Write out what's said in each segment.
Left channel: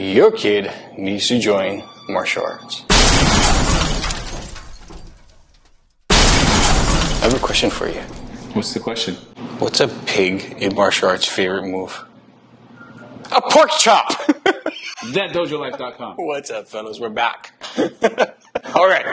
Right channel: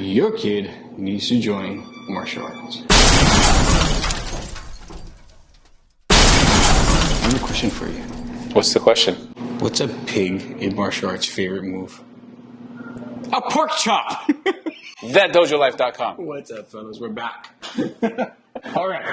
your kid needs to join martial arts. I have a question for you. What's the question? What's a pig in martial arts' favorite move? A pork chop! ThatDojoLife.com. What's up, fellas? We're back. All right.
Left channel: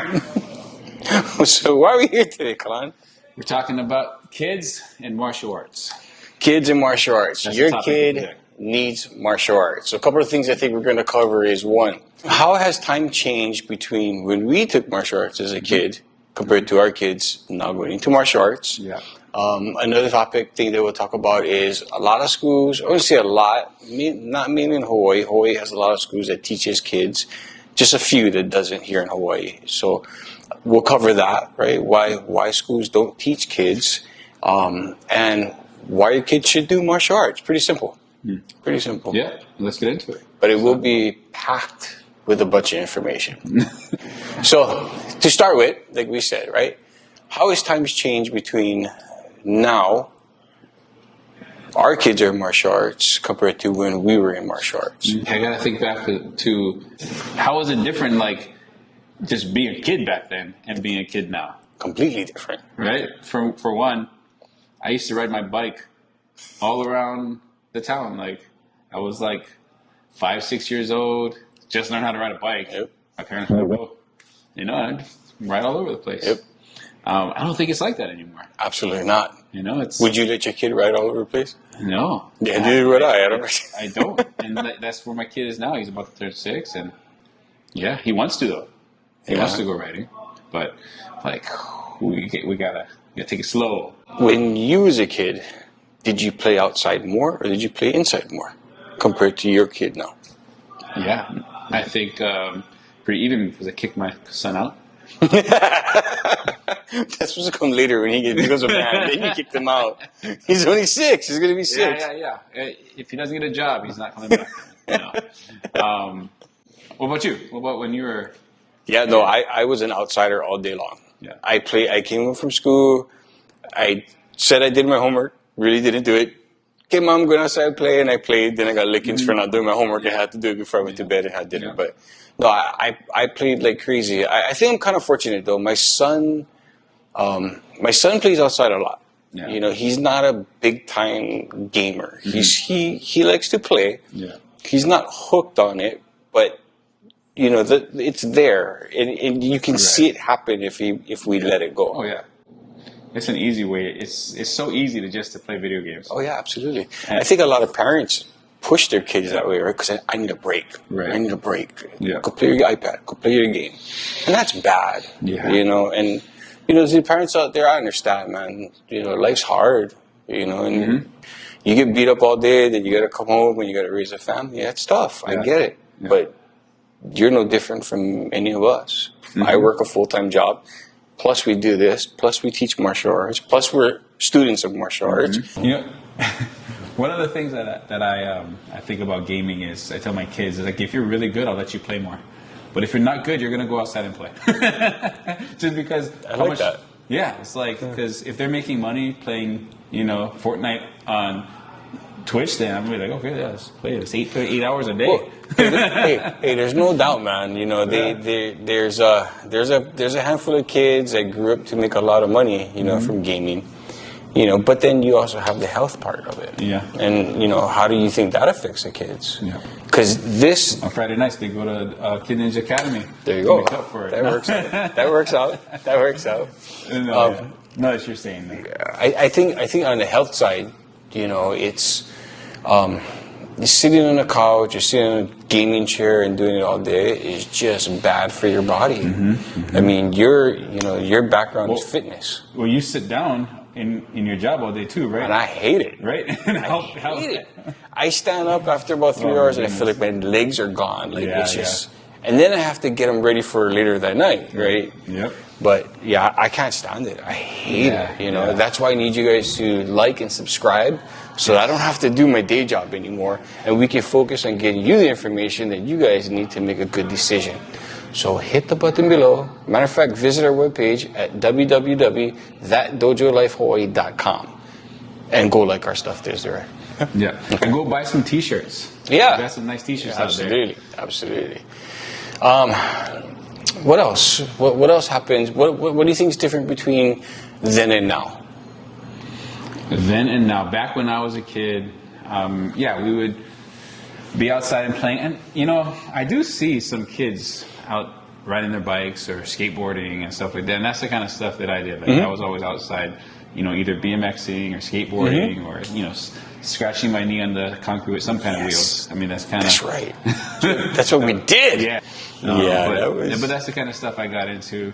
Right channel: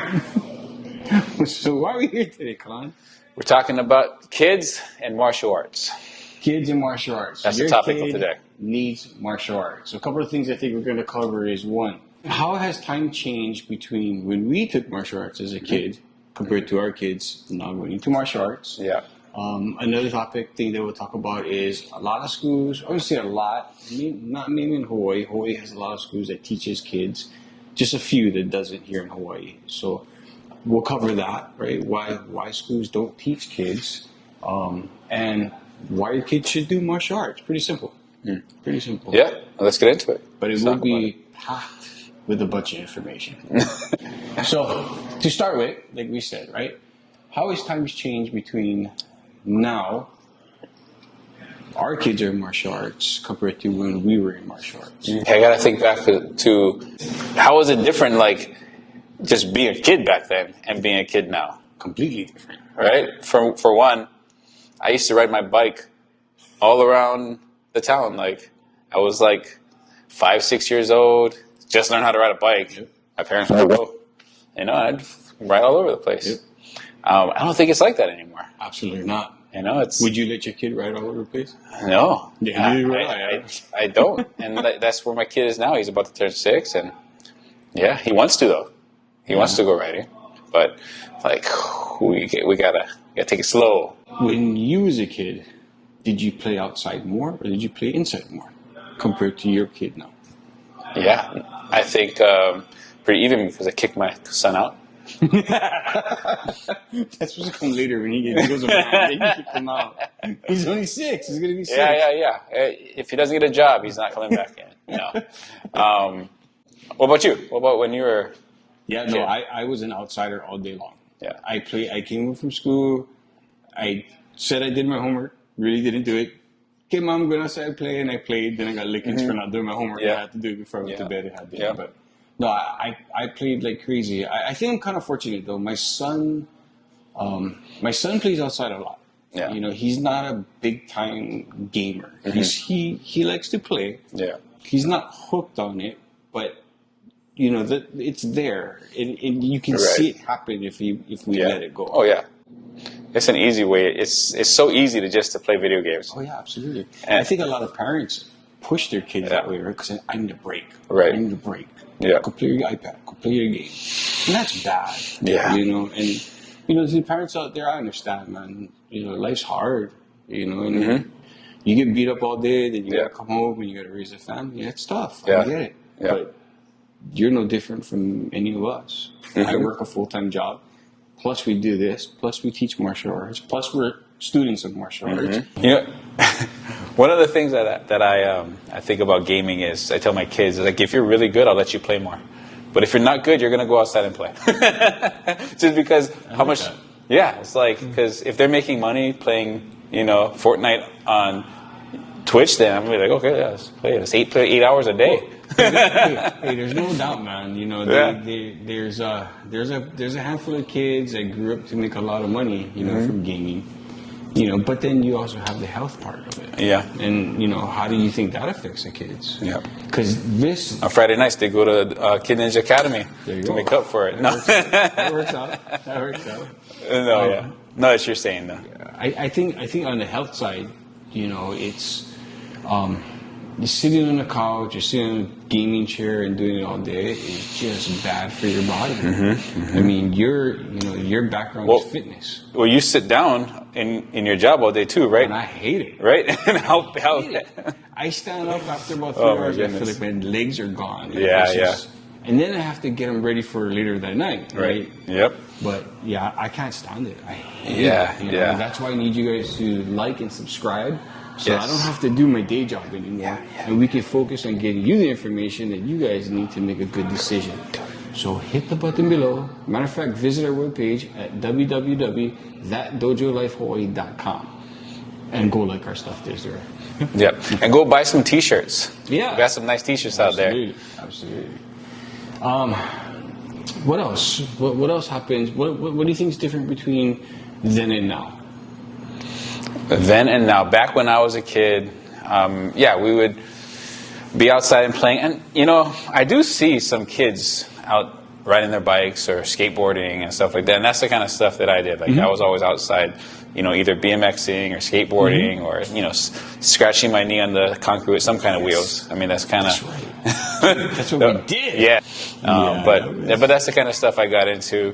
So why are we here today, Kalani? We're talking about kids and martial arts. Kids and martial arts. That's Your the topic kid of today. needs martial arts. So a couple of things I think we're going to cover is, one, how has time changed between when we took martial arts as a kid compared to our kids now going into martial arts? Yeah. Another thing that we'll talk about is a lot of schools, I would say a lot, not mainly in Hawaii. Hawaii has a lot of schools that teaches kids, just a few that doesn't here in Hawaii. So we'll cover that, right? Why schools don't teach kids, and why your kids should do martial arts. Pretty simple. Pretty simple. Yeah, let's get into it. But it will be packed with a bunch of information. So to start with, like we said, right? How has times changed between now, our kids are in martial arts compared to when we were in martial arts? I gotta think back to how was it different, like just being a kid back then and being a kid now? Completely different. Right? For one, I used to ride my bike all around the town. Like I was like 5, 6 years old, just learned how to ride a bike. Yep. My parents would go, I'd ride all over the place. Yep. I don't think it's like that anymore. Absolutely not. It's Would you let your kid ride all over the place? no. Yeah, neither would I. I don't, and that's where my kid is now. He's about to turn 6, and yeah, he wants to though. He wants to go riding, but like we gotta take it slow. When you was a kid, did you play outside more or did you play inside more compared to your kid now? Yeah, I think pretty even because I kicked my son out. That's supposed to come later when he becomes a man. Then you kicked him out. He's only 6. He's going to be 6. Yeah. If he doesn't get a job, he's not coming back then. What about you? What about when you were... Yeah, no, I was an outsider all day long. Yeah. I came home from school. I said I did my homework. Really didn't do it. Okay, Mom, I'm going outside and play. And I played. Then I got lickings for not doing my homework. I had to do it before I went to bed and had dinner. Yeah. But no, I played like crazy. I think I'm kind of fortunate, though. My son plays outside a lot. Yeah. He's not a big-time gamer. He likes to play. Yeah. He's not hooked on it, but... it's there, and you can see it happen if we let it go. Oh yeah, it's an easy way. It's so easy to play video games. Oh yeah, absolutely. And I think a lot of parents push their kids that way, right? Because I need a break. Right. I need a break. Yeah. Go play your iPad. Go play your game. And that's bad. Yeah. And the parents out there, I understand, man. Life's hard. And you get beat up all day, then you gotta come home and you gotta raise a family. That's tough. I get it. Yeah. But you're no different from any of us. I work a full-time job, plus we do this, plus we teach martial arts, plus we're students of martial arts. One of the things that I think about gaming is I tell my kids, like, if you're really good, I'll let you play more. But if you're not good, you're going to go outside and play. Just because how much... That. Yeah, it's like, because if they're making money playing, Fortnite on Twitch, then I'm going to be like, okay, yeah, let's play it. It's 8 hours a day. Well, hey, there's no doubt, man. There's a handful of kids that grew up to make a lot of money, from gaming. But then you also have the health part of it. Yeah. And how do you think that affects the kids? Yeah. Because on Friday nights they go to Kid Ninja Academy. There you to go. Make up for it. That works out. That works out. No, it's you're saying though. I think on the health side, it's. You're sitting on a couch, you're sitting in a gaming chair and doing it all day is just bad for your body. I mean, your background is fitness. Well, you sit down in your job all day too, right? And I hate it. Right? And I hate it. I stand up after about 3 hours, I feel like my legs are gone. And then I have to get them ready for later that night, right? Yep. But yeah, I can't stand it. I hate it. That's why I need you guys to like and subscribe. So I don't have to do my day job anymore, and we can focus on getting you the information that you guys need to make a good decision. So hit the button below. Matter of fact, visit our webpage at www.thatdojolifehawaii.com and go like our stuff. There's there. Yep. And go buy some T-shirts. Yeah. We got some nice T-shirts out there. Absolutely. What else? What else happens? What do you think is different between then and now? Then and now. Back when I was a kid, we would be outside and playing. And, I do see some kids out riding their bikes or skateboarding and stuff like that. And that's the kind of stuff that I did. Like, I was always outside, either BMXing or skateboarding or, scratching my knee on the concrete with some kind of wheels. I mean, that's kind of... That's right. That's what we did. Yeah. But that's the kind of stuff I got into.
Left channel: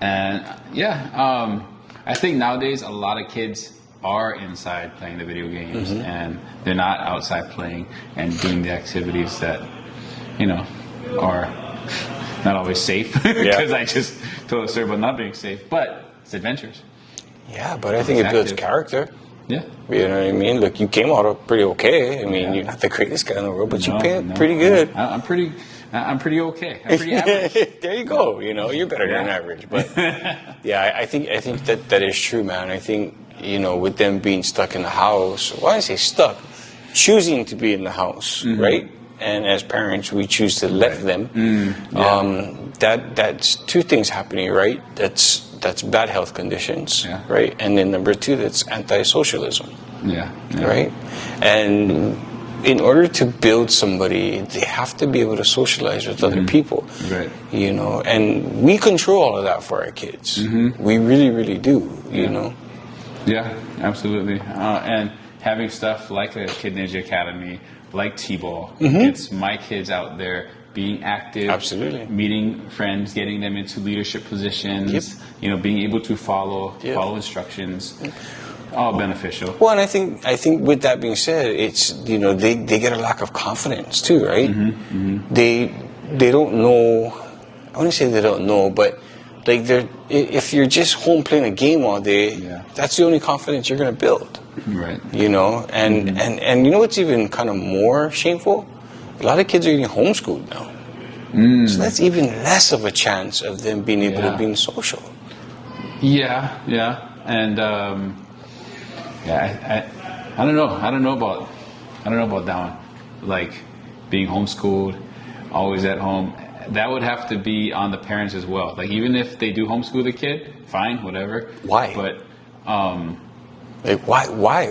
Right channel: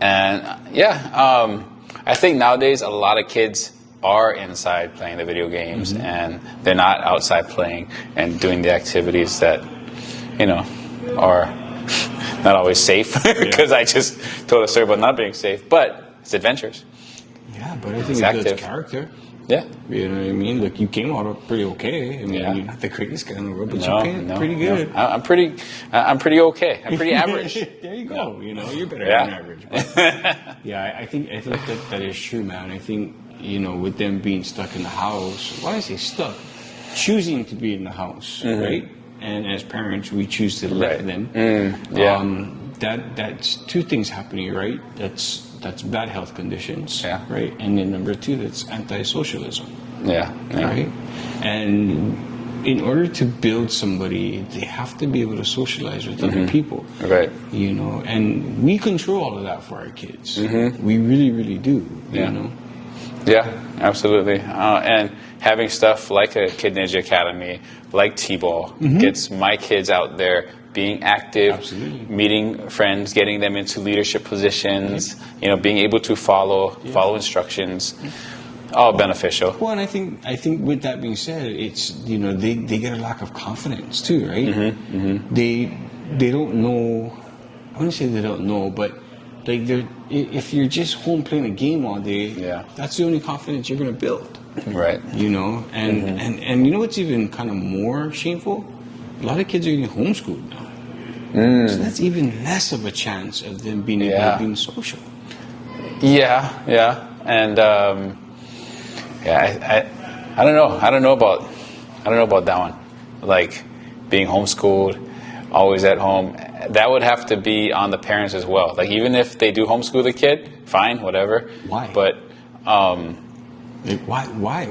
And, I think nowadays a lot of kids are inside playing the video games and they're not outside playing and doing the activities that, are not always safe, because I just told a story about not being safe, but it's adventures. Yeah, but I think it builds character. Yeah. You know what I mean? Look, you came out pretty okay. I mean, you're not the greatest guy in the world, but you played pretty good. I'm pretty okay. I'm pretty average. There you go. You're better than average. But I think that is true, man. I think, with them being stuck in the house, why do I say stuck? Choosing to be in the house, right? And as parents, we choose to let them. That's two things happening, right? That's bad health conditions, right? And then number two, that's anti-socialism, right? And in order to build somebody, they have to be able to socialize with other people, right? And we control all of that for our kids. We really, really do, you know. Yeah, absolutely. And having stuff like a Kid Ninja Academy, like T-Ball, gets my kids out there being active, meeting friends, getting them into leadership positions, being able to follow instructions, all beneficial. Well, and I think with that being said, it's, they get a lack of confidence too, right? They don't know, I wouldn't say they don't know, but like if you're just home playing a game all day, that's the only confidence you're going to build. Right. And you know what's even kind of more shameful? A lot of kids are getting homeschooled now. So that's even less of a chance of them being able to be social. Yeah. And I don't know. I don't know about that one. Like being homeschooled, always at home. That would have to be on the parents as well. Like even if they do homeschool the kid, fine, whatever. Why? But why?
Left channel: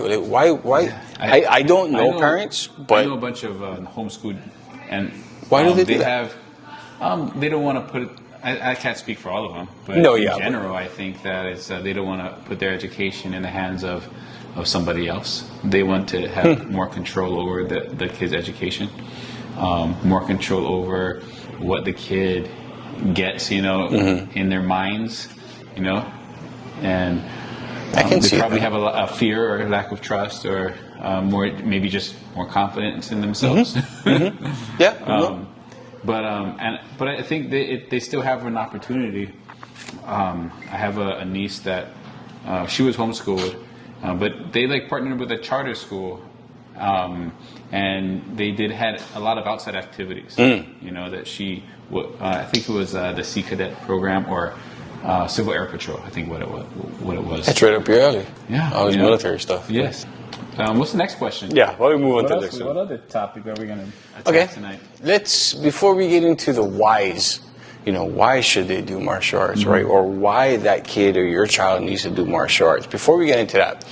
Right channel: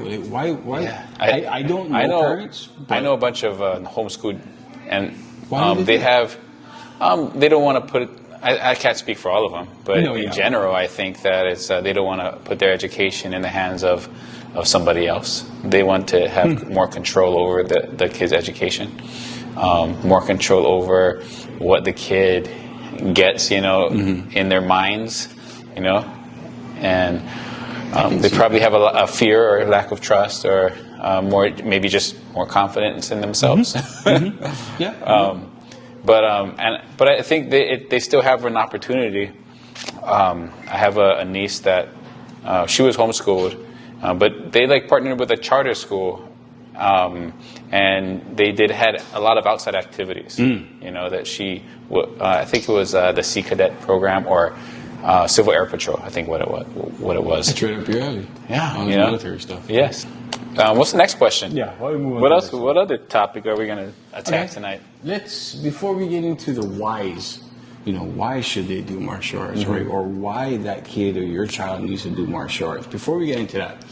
Yeah. I don't know parents, but I know a bunch of homeschooled, and why do they have? They don't want to put it. I can't speak for all of them, but in general, I think that it's they don't want to put their education in the hands of somebody else. They want to have more control over the kid's education, more control over what the kid gets, in their minds, and they probably have a fear or a lack of trust or maybe just more confidence in themselves. But I think they still have an opportunity. I have a niece that she was homeschooled, but they partnered with a charter school, and they had a lot of outside activities. That she, I think it was the Sea Cadet program or Civil Air Patrol. I think what it was. That's right up your alley. Yeah, all this military stuff. Yes. What's the next question? Yeah, why don't we move on to the next one? What other topic are we going to attack tonight? Before we get into the whys, why should they do martial arts, right? Or why that kid or your child needs to do martial arts. Before we get into that,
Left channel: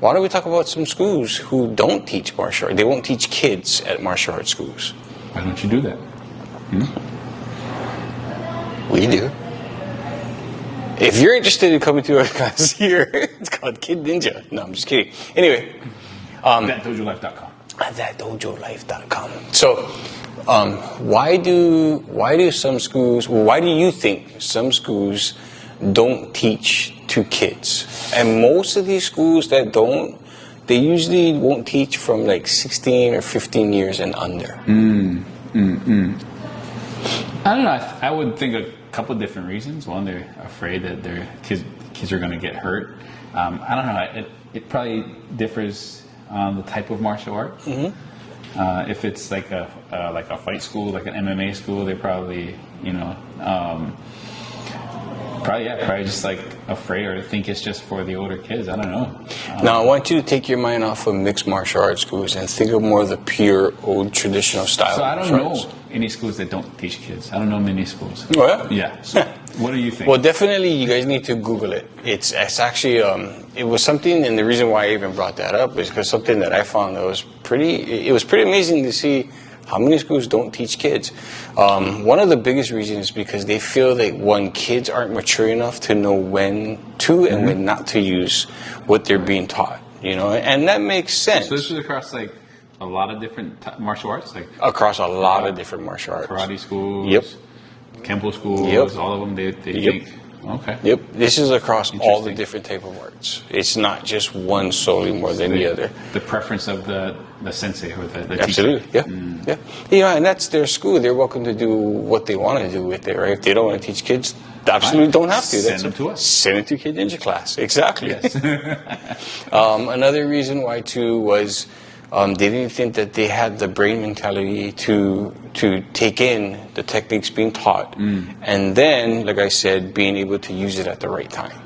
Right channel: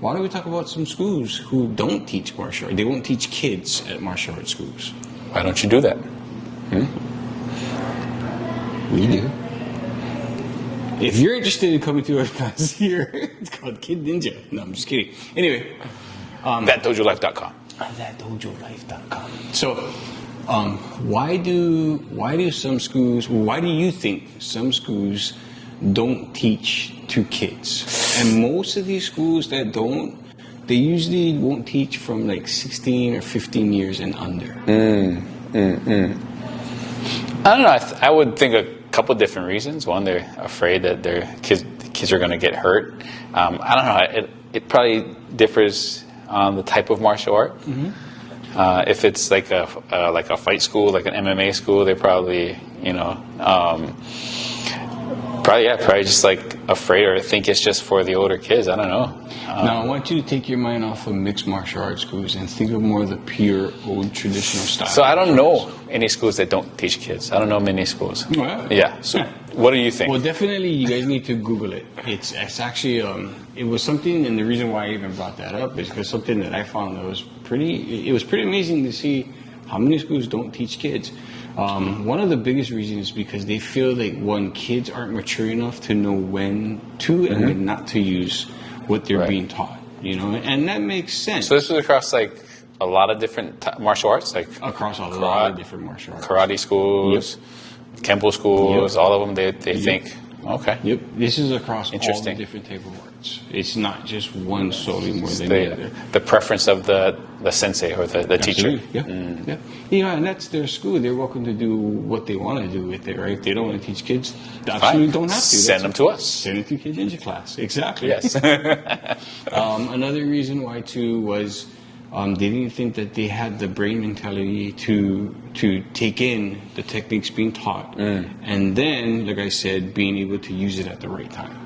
why don't we talk about some schools who don't teach martial arts? They won't teach kids at martial arts schools. Why don't you do that? We do. If you're interested in coming to a class here, it's called Kid Ninja. No, I'm just kidding. Anyway, ThatDojoLife.com. ThatDojoLife.com. So, why do some schools? Why do you think some schools don't teach to kids? And most of these schools that don't, they usually won't teach from 16 or 15 years and under. I don't know. I would think a couple of different reasons. One, they're afraid that their kids are going to get hurt. I don't know. It probably differs on the type of martial art. If it's like a fight school, like an MMA school, they probably Probably just like afraid or think it's just for the older kids. I don't know. Now, I want you to take your mind off of mixed martial arts schools and think of more of the pure, old, traditional style. So I don't know any schools that don't teach kids. I don't know many schools. Oh, yeah? Yeah. So what do you think? Well, definitely, you guys need to Google it. It's actually, it was something, and the reason why I even brought that up is because something that I found that was it was pretty amazing to see how many schools don't teach kids. One of the biggest reasons is because they feel that, one, kids aren't mature enough to know when to and when not to use what they're being taught, you know, and that makes sense. So this was across like a lot of different martial arts, like across a lot of different martial arts. karate schools, Kempo schools, all of them. They think, okay. Yep. This is across all the different type of arts. It's not just one solely more than the other. The preference of the sensei or the teacher. Absolutely. Yeah. Yeah, and that's their school. They're welcome to do what they want to do with it, right? If they don't want to teach kids, they absolutely don't have to. Send them to us. Send them to Kid Ninja class. Exactly. Yes. Another reason why, too, was they didn't think that they had the brain mentality to take in the techniques being taught, and then, like I said, being able to use it at the right time.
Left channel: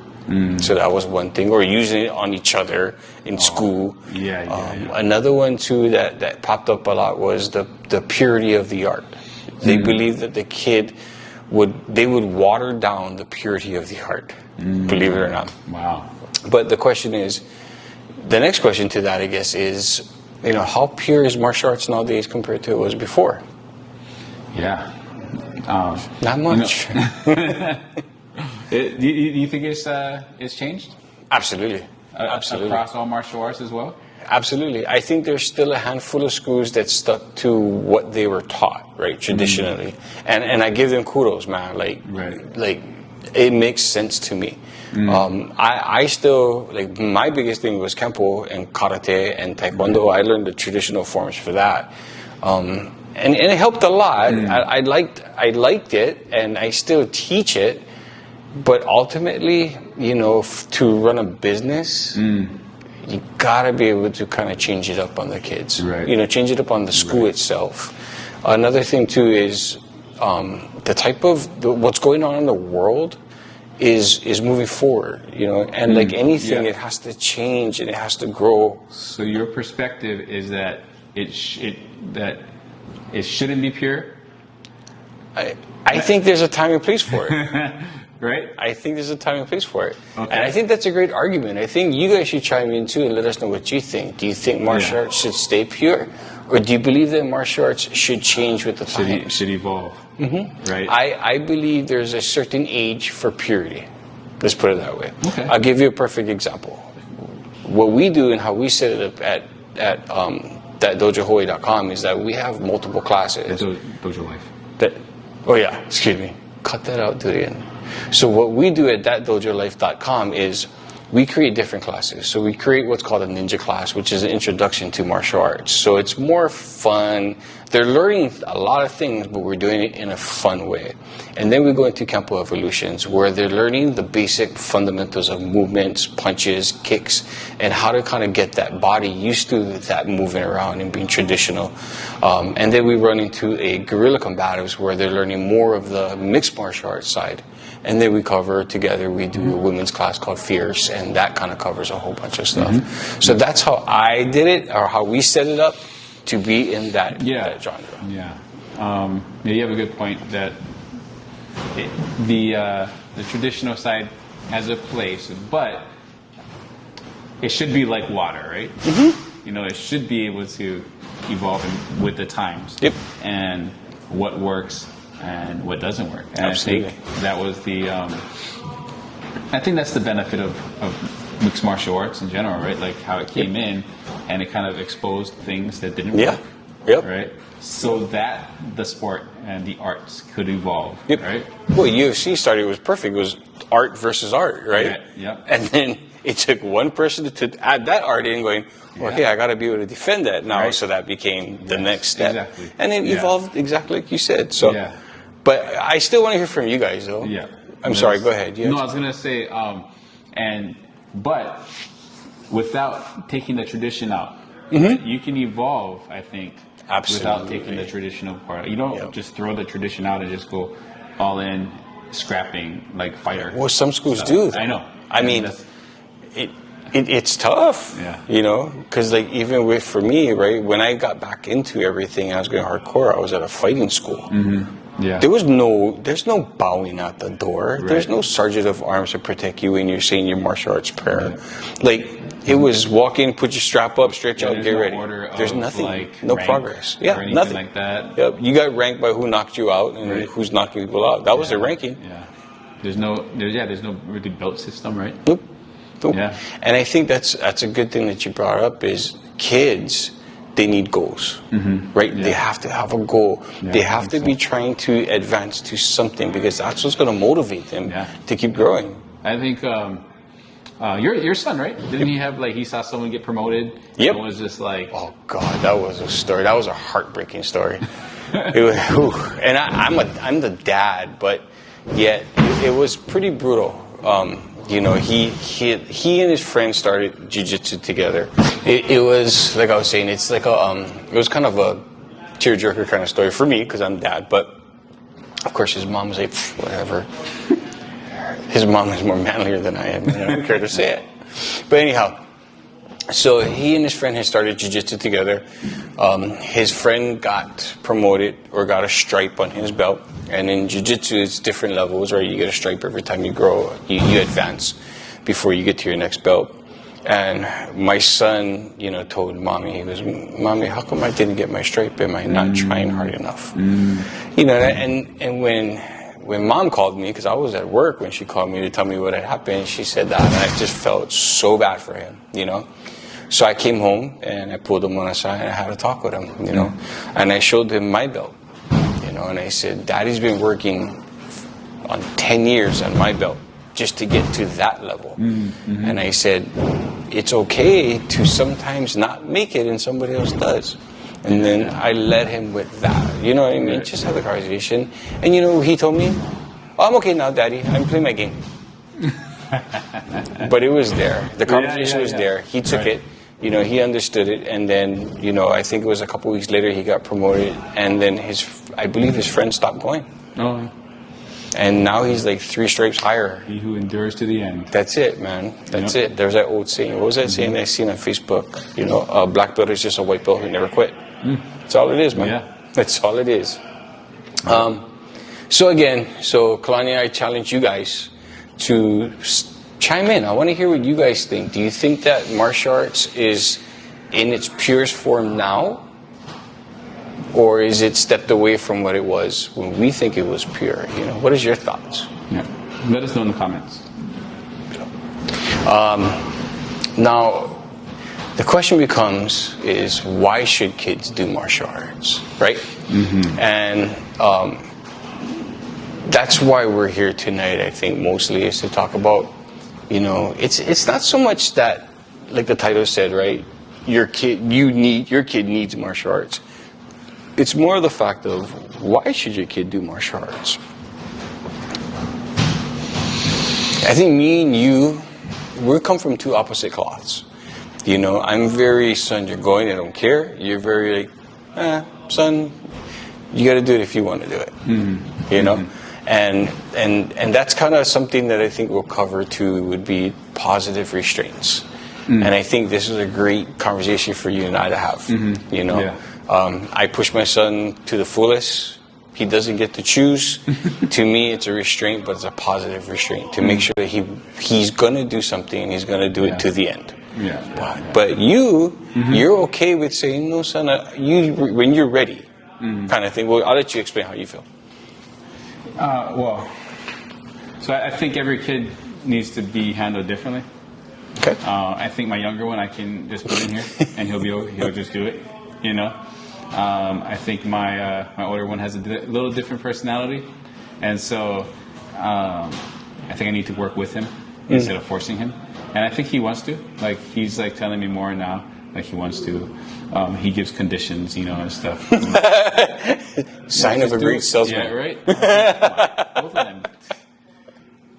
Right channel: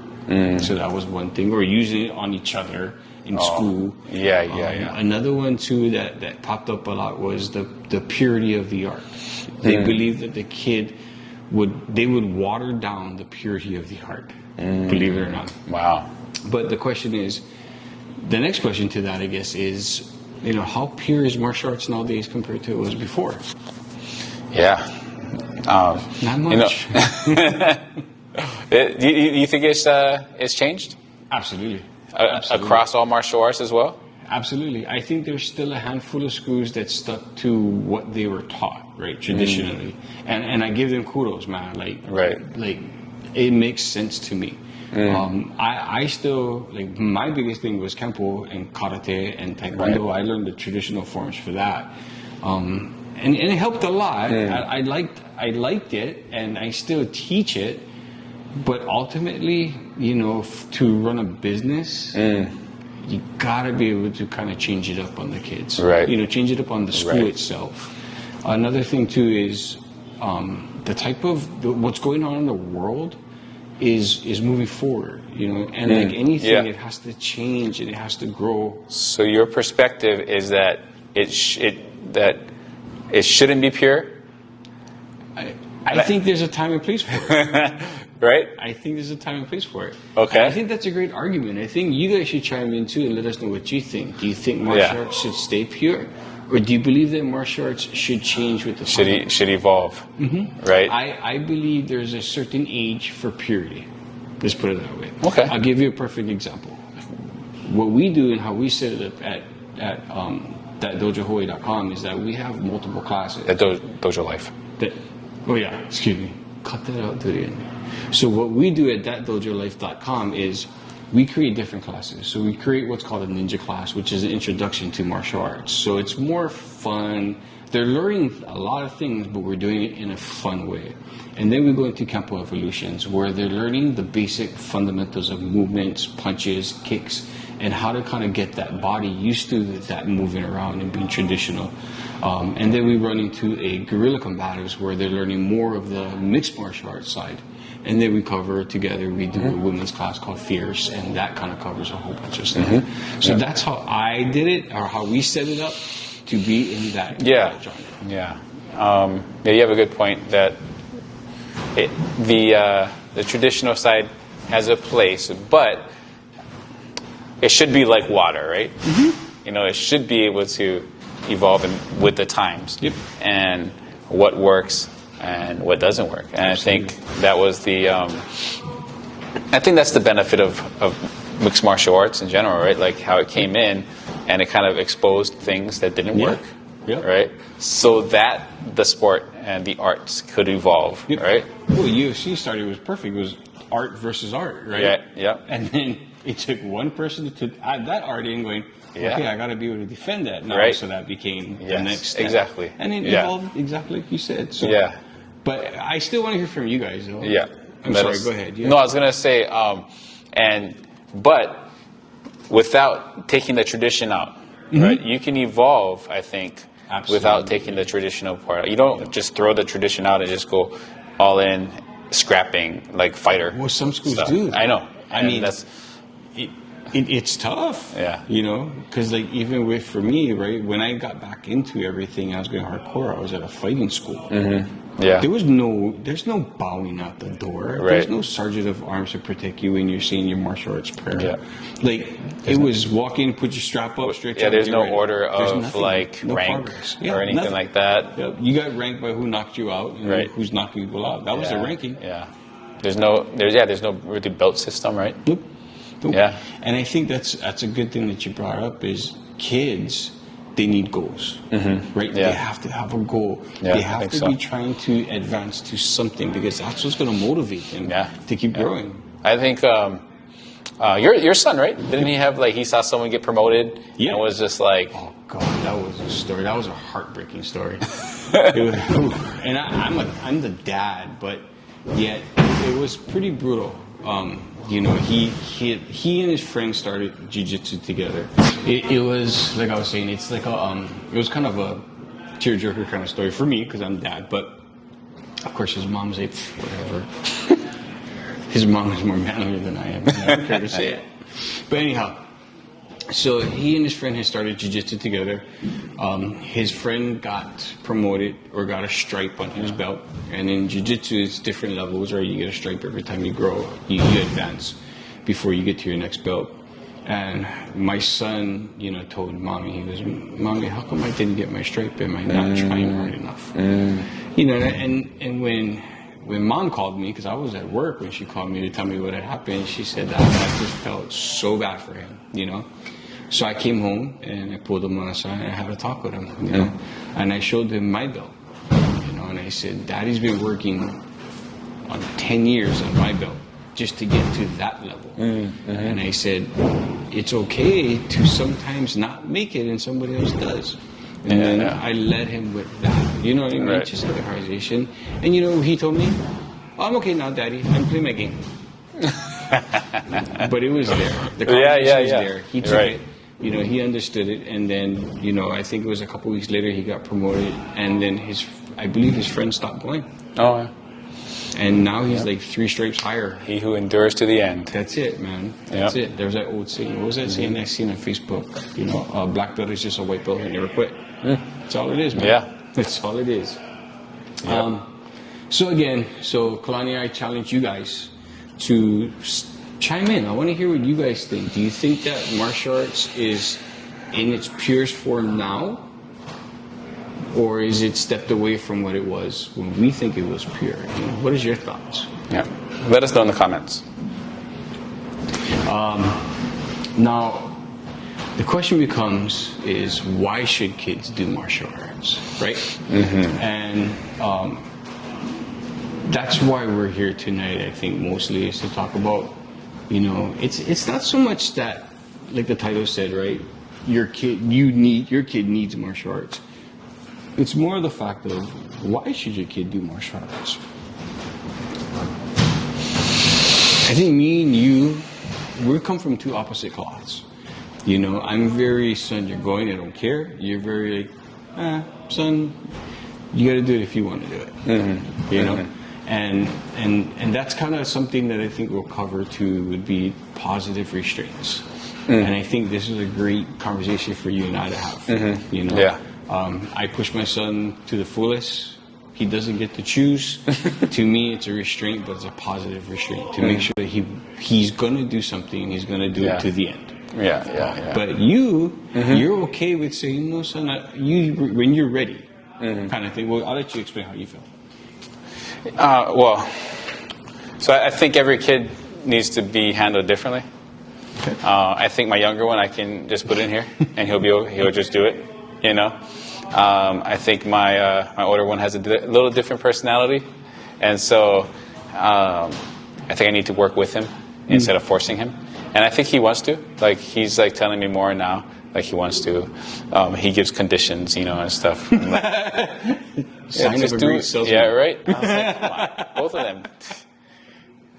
So that was one thing, or using it on each other in school. Yeah. Another one too that popped up a lot was the purity of the art. They believed that the kid would water down the purity of the art. Believe it or not. Wow. But the next question to that, I guess, is, you know, how pure is martial arts nowadays compared to it was before? Yeah. Not much. You think it's changed? Absolutely. Across all martial arts as well? Absolutely. I think there's still a handful of schools that stuck to what they were taught, right, traditionally. And I give them kudos, man. Like it makes sense to me. I still, like, my biggest thing was Kempo and Karate and Taekwondo. I learned the traditional forms for that. And it helped a lot. I liked it, and I still teach it. But ultimately, you know, to run a business, you gotta be able to kind of change it up on the kids. Right. You know, change it up on the school itself. Another thing too is the type of what's going on in the world is moving forward. You know, and like anything, it has to change and it has to grow. So your perspective is that it shouldn't be pure. I think there's a time and place for it. Right? I think there's a time and place for it. Okay. And I think that's a great argument. I think you guys should chime in too and let us know what you think. Do you think martial arts should stay pure? Or do you believe that martial arts should change with the time? Should evolve. Right? I believe there's a certain age for purity. Let's put it that way. Okay. I'll give you a perfect example. What we do and how we set it up at thatdojohawaii.com is that we have multiple classes. That Dojo Life. Excuse me. Cut that out to the end. So what we do at thatdojolife.com is we create different classes. So we create what's called a ninja class, which is an introduction to martial arts. So it's more fun. They're learning a lot of things, but we're doing it in a fun way. And then we go into Kempo Evolutions, where they're learning the basic fundamentals of movements, punches, kicks, and how to kind of get that body used to that moving around and being traditional. And then we run into a guerrilla combatives, where they're learning more of the mixed martial arts side. And then we cover together, we do a women's class called Fierce, and that kind of covers a whole bunch of stuff. So that's how I did it, or how we set it up to be in that genre. Yeah. You have a good point that the traditional side has a place, but it should be like water, right? You know, it should be able to evolve with the times. Yep. And what works and what doesn't work. And Absolutely. I think that was I think that's the benefit of mixed martial arts in general, right? Like how it came in and it kind of exposed things that didn't work. Yep. Right? So that the sport and the arts could evolve, right? Well, UFC started, it was perfect. It was art versus art, right? Yeah. And then it took one person to add that art in, going, okay, I got to be able to defend that now. Right. So that became the next step. Exactly. And it evolved exactly like you said. So, but I still want to hear from you guys, though. Yeah. I'm sorry, go ahead. No, I was going to say, but without taking the tradition out, right, you can evolve, I think, without taking the traditional part out. You don't just throw the tradition out and just go all in scrapping, like fighter. Well, some schools stuff. do. I know. I mean, it's tough. Yeah. You know, because like even for me, right, when I got back into everything, I was going hardcore. I was at a fighting school. Yeah. There's no bowing at the door. Right. There's no sergeant of arms to protect you when you're saying your martial arts prayer. Yeah. Like it was walk in, put your strap up, stretch out. There's get no ready. order of there's nothing, like no rank progress. or anything nothing. like that. Yep. You got ranked by who knocked you out and Right. who's knocking people out. That was the ranking. Yeah. There's no really belt system, right? Nope. Nope. Yeah. And I think that's a good thing that you brought up is kids, they need goals, right? Yeah. They have to have a goal. Yeah, they I have think to so. be trying to advance to something because that's what's going to motivate them to keep growing. I think your son, right? Didn't he have he saw someone get promoted? Yep. And was just like, Oh God, that was a story. That was a heartbreaking story. It was, whew. And I'm the dad, but yet it was pretty brutal. You know, he and his friend started jiu-jitsu together. It was like I was saying, it's like it was kind of a tearjerker kind of story for me because I'm dad. But of course, his mom was like, whatever. His mom is more manlier than I am. I don't care to say it. But anyhow, so he and his friend had started jiu-jitsu together. His friend got promoted or got a stripe on his belt. And in jiu-jitsu, it's different levels, right? You get a stripe every time you grow, you advance before you get to your next belt. And my son, you know, told mommy, he goes, Mommy, how come I didn't get my stripe? Am I not trying hard enough? You know, and when mom called me, because I was at work when she called me to tell me what had happened, she said that, and I just felt so bad for him, you know. So I came home and I pulled him on aside and I had a talk with him, you know. And I showed him my belt, you know, and I said, Daddy's been working on 10 years on my belt just to get to that level. And I said, it's okay to sometimes not make it and somebody else does. And then I led him with that. You know what I mean? Right. Just had a conversation. And you know what he told me? Oh, I'm okay now, Daddy. I'm playing my game. But it was there. The conversation was there. He took Right. it. You know, he understood it. And then, you know, I think it was a couple weeks later he got promoted. And then I believe his friend stopped going. oh, And now he's like 3 stripes higher. he who endures to the end. That's it, man. That's Yeah. it. There's that old saying. What was that saying I seen on Facebook? You know, a black belt is just a white belt who never quit. That's all it is, man. Yeah. That's all it is. So Kalani, I challenge you guys to chime in. I want to hear what you guys think. Do you think that martial arts is in its purest form now? Or is it stepped away from what it was when we think it was pure? You know, what is your thoughts? Yeah. Let us know in the comments. Now, the question becomes is why should kids do martial arts, right? And that's why we're here tonight, I think, mostly is to talk about, you know, it's not so much that, like the title said, right? Your kid needs martial arts. It's more the fact of why should your kid do martial arts? I think me and you, we come from 2 opposite cloths. You know, I'm very, son, you're going, I don't care. You're very like, son, you got to do it if you want to do it. You know, and that's kind of something that I think we'll cover too. Would be positive restraints. And I think this is a great conversation for you and I to have. You know, Yeah. I push my son to the fullest. He doesn't get to choose. To me, it's a restraint, but it's a positive restraint to make sure that he's going to do something and he's going to do it to the end. Yeah. But you're okay with saying, no, son, when you're ready, kind of thing. Well, I'll let you explain how you feel. So I think every kid needs to be handled differently. Okay. I think my younger one, I can just put in here, and he'll just do it. You know. I think my older one has a little different personality, and so I think I need to work with him instead of forcing him. And I think he wants to. Like he's like telling me more now. Like he wants to. He gives conditions, you know, and stuff. Sign of a great salesman. Yeah, right. Both of them.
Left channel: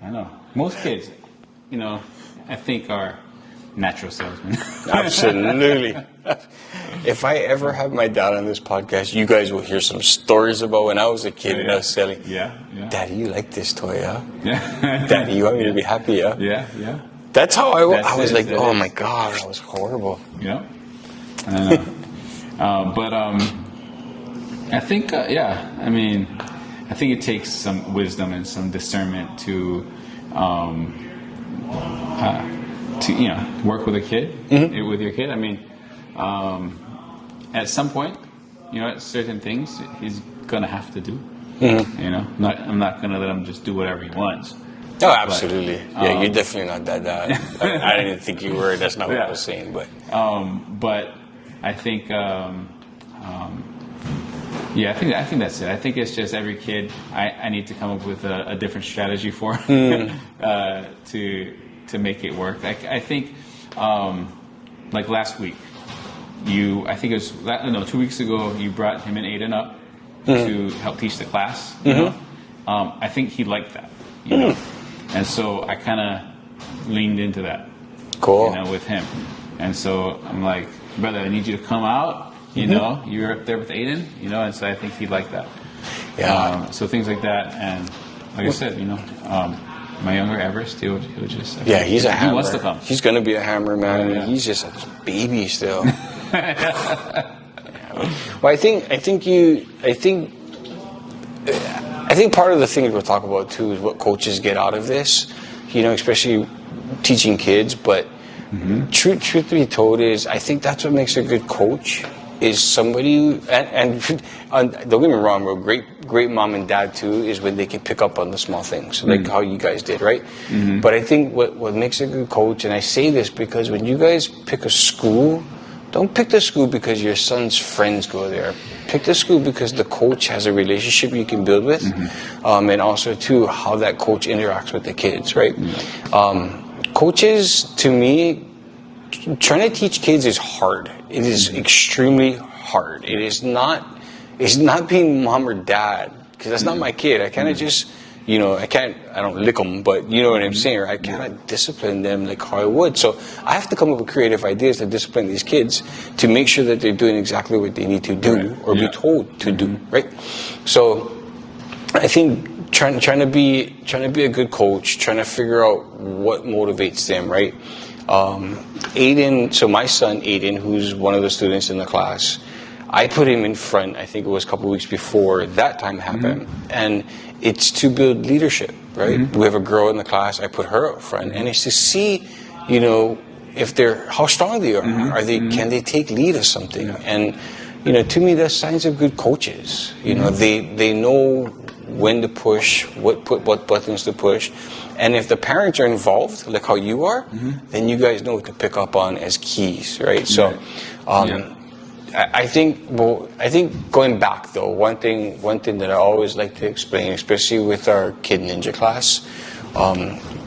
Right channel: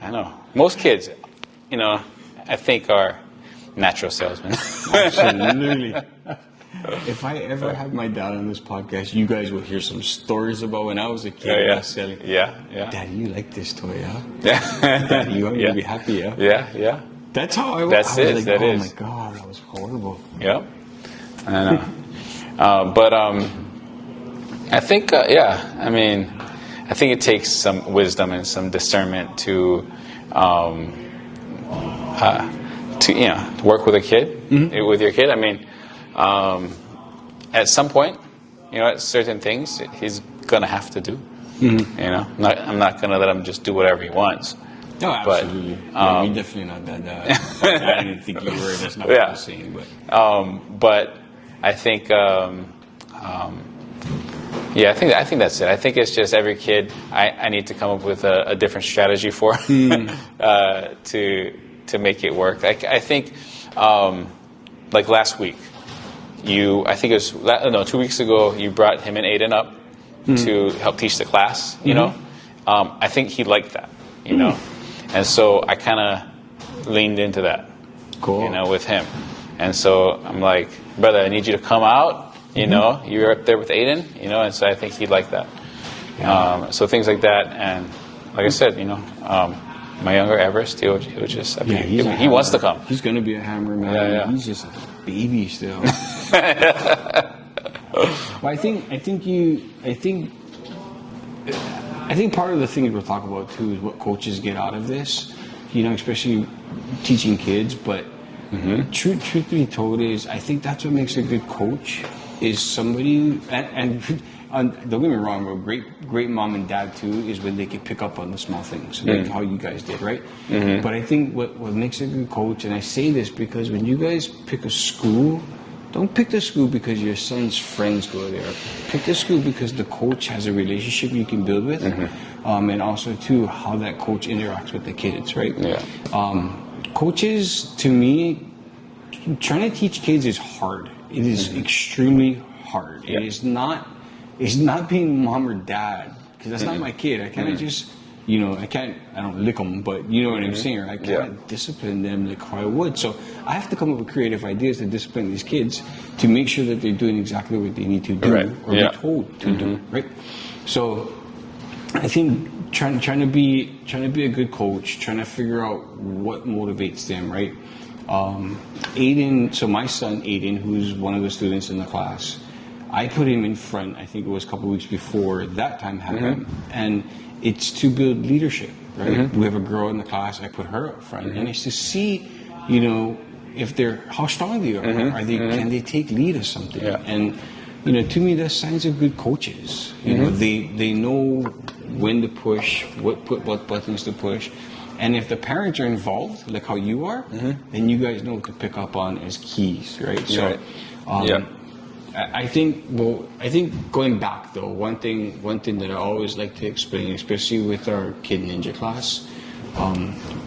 I know. Most kids, you know, I think are natural salesman. Absolutely. If I ever have my dad on this podcast, you guys will hear some stories about when I was a kid and I was selling. Yeah. Daddy, you like this toy, huh? Yeah. Daddy, you want me to be happy, huh? Yeah. That's how I was. I was like, oh is. my God, that was horrible. Yeah. I know. But I think, I mean, I think it takes some wisdom and some discernment to work with a kid, with your kid. I mean, at some point, at certain things, he's gonna have to do. I'm not gonna let him just do whatever he wants. Oh, absolutely. But, you're definitely not that dad. I didn't think you were. That's not what I was saying. But I think, I think that's it. I think it's just every kid. I need to come up with a different strategy for to make it work. I think, like last week, I think it was 2 weeks ago. You brought him and Aiden up to help teach the class. I think he liked that. And so I kind of leaned into that. Cool. With him. And so I'm like, brother, I need you to come out. You're up there with Aiden. And so I think he'd like that. Yeah. So things like that, and like I said, my younger Everest, he'll just he's a hammer. He wants to come. He's gonna be a hammer, man. Yeah. He's just a baby still. Well, I think part of the things we'll talk about too is what coaches get out of this, especially teaching kids. But truth be told is, I think that's what makes a good coach is somebody, and don't get me wrong, bro, great mom and dad too is when they can pick up on the small things, like how you guys did, right? But I think what makes a good coach, and I say this because when you guys pick a school, don't pick the school because your son's friends go there. Pick the school because the coach has a relationship you can build with, and also too how that coach interacts with the kids, right? Coaches, to me, trying to teach kids is hard. It is extremely hard. It is not. It's not being mom or dad, because that's not my kid. I kind of just, I don't lick them, but you know what I'm saying, right? I can't discipline them like how I would. So I have to come up with creative ideas to discipline these kids to make sure that they're doing exactly what they need to do or be told to do, right? So I think trying to be a good coach, trying to figure out what motivates them, right? Aiden, so my son Aiden, who's one of the students in the class, I put him in front, I think it was a couple of weeks before that time happened. And it's to build leadership, right? We have a girl in the class, I put her up front. And it's to see, if how strong they are. Can they take lead of something? And, to me, that's signs of good coaches. They know when to push, what buttons to push. And if the parents are involved, like how you are, then you guys know what to pick up on as keys, right? So, I think going back though, one thing that I always like to explain, especially with our Kid Ninja class,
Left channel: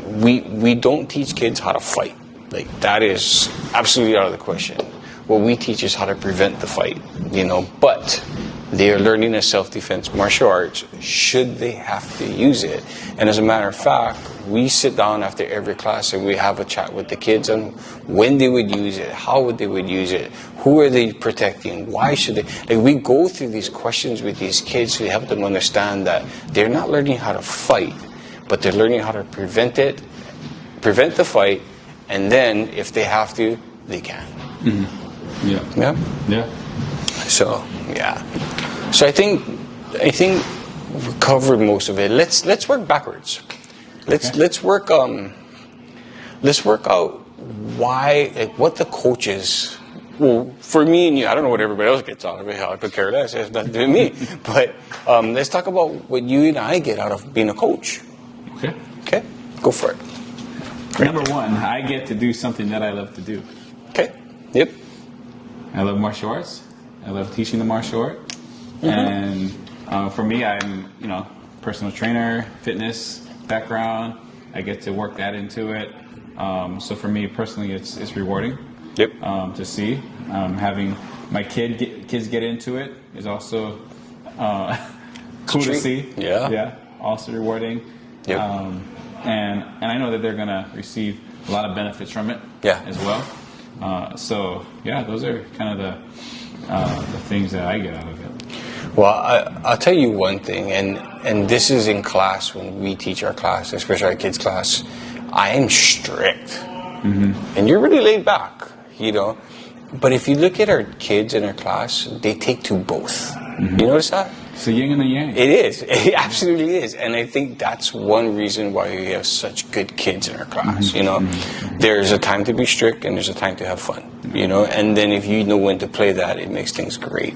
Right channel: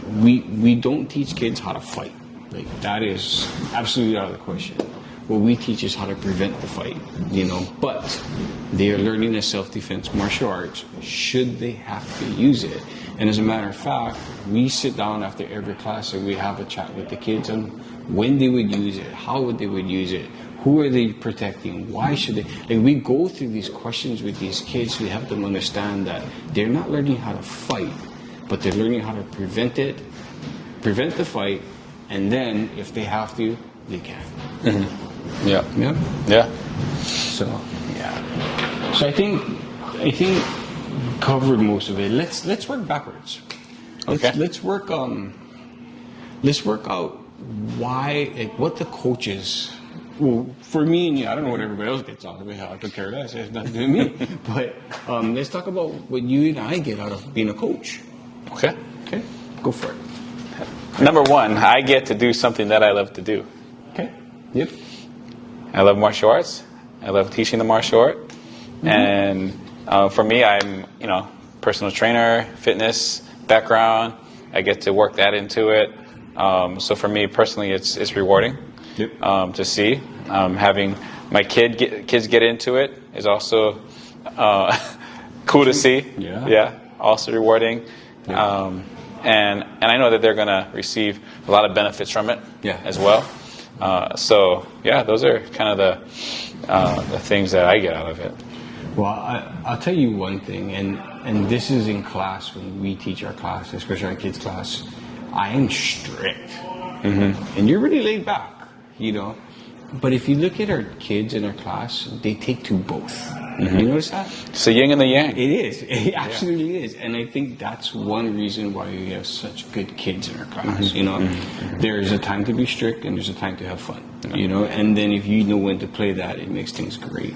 we don't teach kids how to fight. Like that is absolutely out of the question. What we teach is how to prevent the fight, but they are learning a self-defense martial arts should they have to use it. And as a matter of fact, we sit down after every class and we have a chat with the kids on when they would use it, how would they would use it, who are they protecting, why should they. Like we go through these questions with these kids to help them understand that they're not learning how to fight, but they're learning how to prevent the fight, and then if they have to, they can. Yeah. So I think we've covered most of it. Let's work backwards. Let's work out why, like, what the coaches. Well, for me and you, I don't know what everybody else gets out of it. How I could care less. It has nothing to do with me. But let's talk about what you and I get out of being a coach. Okay. Go for it. Number one, I get to do something that I love to do. Okay. Yep. I love martial arts. I love teaching the martial art. And for me, I'm, personal trainer, fitness background. I get to work that into it. So for me personally, it's rewarding. Yep. To see. Having my kids get into it is also cool to see. Yeah. Also rewarding. Yep. And I know that they're going to receive a lot of benefits from it as well. So yeah, those are kind of the things that I get out of it. Well, I'll tell you one thing, and this is in class when we teach our class, especially our kids' class. I am strict, and you're really laid back, you know. But if you look at our kids in our class, they take to both. You notice that? It's the yin and the yang. It is. It absolutely is. And I think that's one reason why we have such good kids in our class. You know, there's a time to be strict and there's a time to have fun. You know, and then if you know when to play that, it makes things great.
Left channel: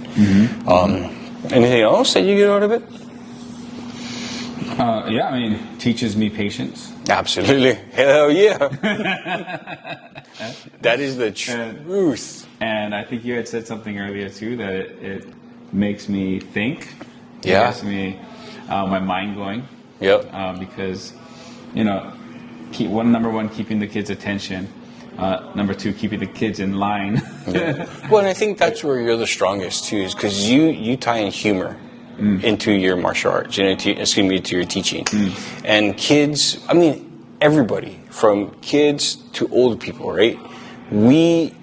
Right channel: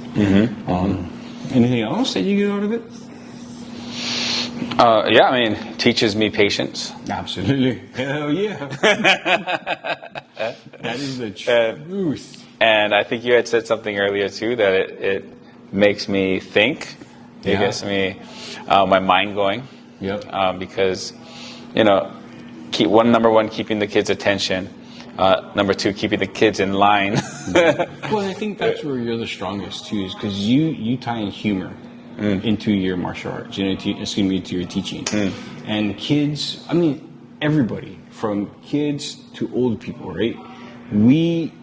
Anything else that you get out of it? Yeah, I mean, teaches me patience. Absolutely. Hell yeah. That is the truth. And I think you had said something earlier too, that it makes me think. It gets me my mind going. Yep. Because, you know, number one, keeping the kids' attention. Number two, keeping the kids in line. Well, and I think that's where you're the strongest too, is because you tie in humor into your martial arts, into your teaching. And kids, I mean, everybody, from kids to old people, right? We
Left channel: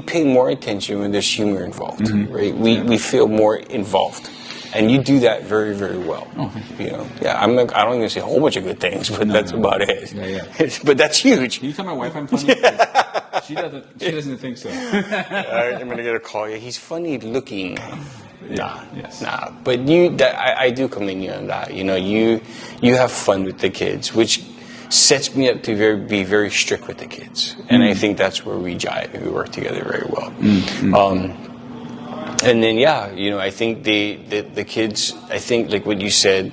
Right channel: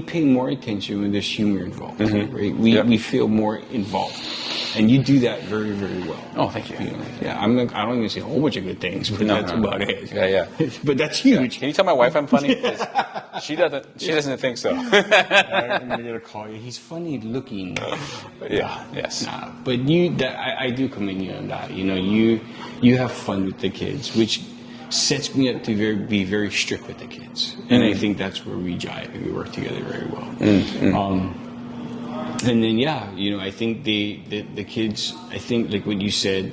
pay more attention when there's humor involved, right? We feel more involved. And you do that very, very well. Oh, thank you. You know, yeah, I don't even say a whole bunch of good things, but that's about it. Yeah. But that's huge. Can you tell my wife I'm funny? She doesn't think so. I'm gonna get a call. Yeah, he's funny looking. Yes. Nah, but I do commend you on that. You know, you have fun with the kids, which sets me up to be very strict with the kids, and I think that's where we jive and we work together very well. And then you know, I think the kids, I think like what you said,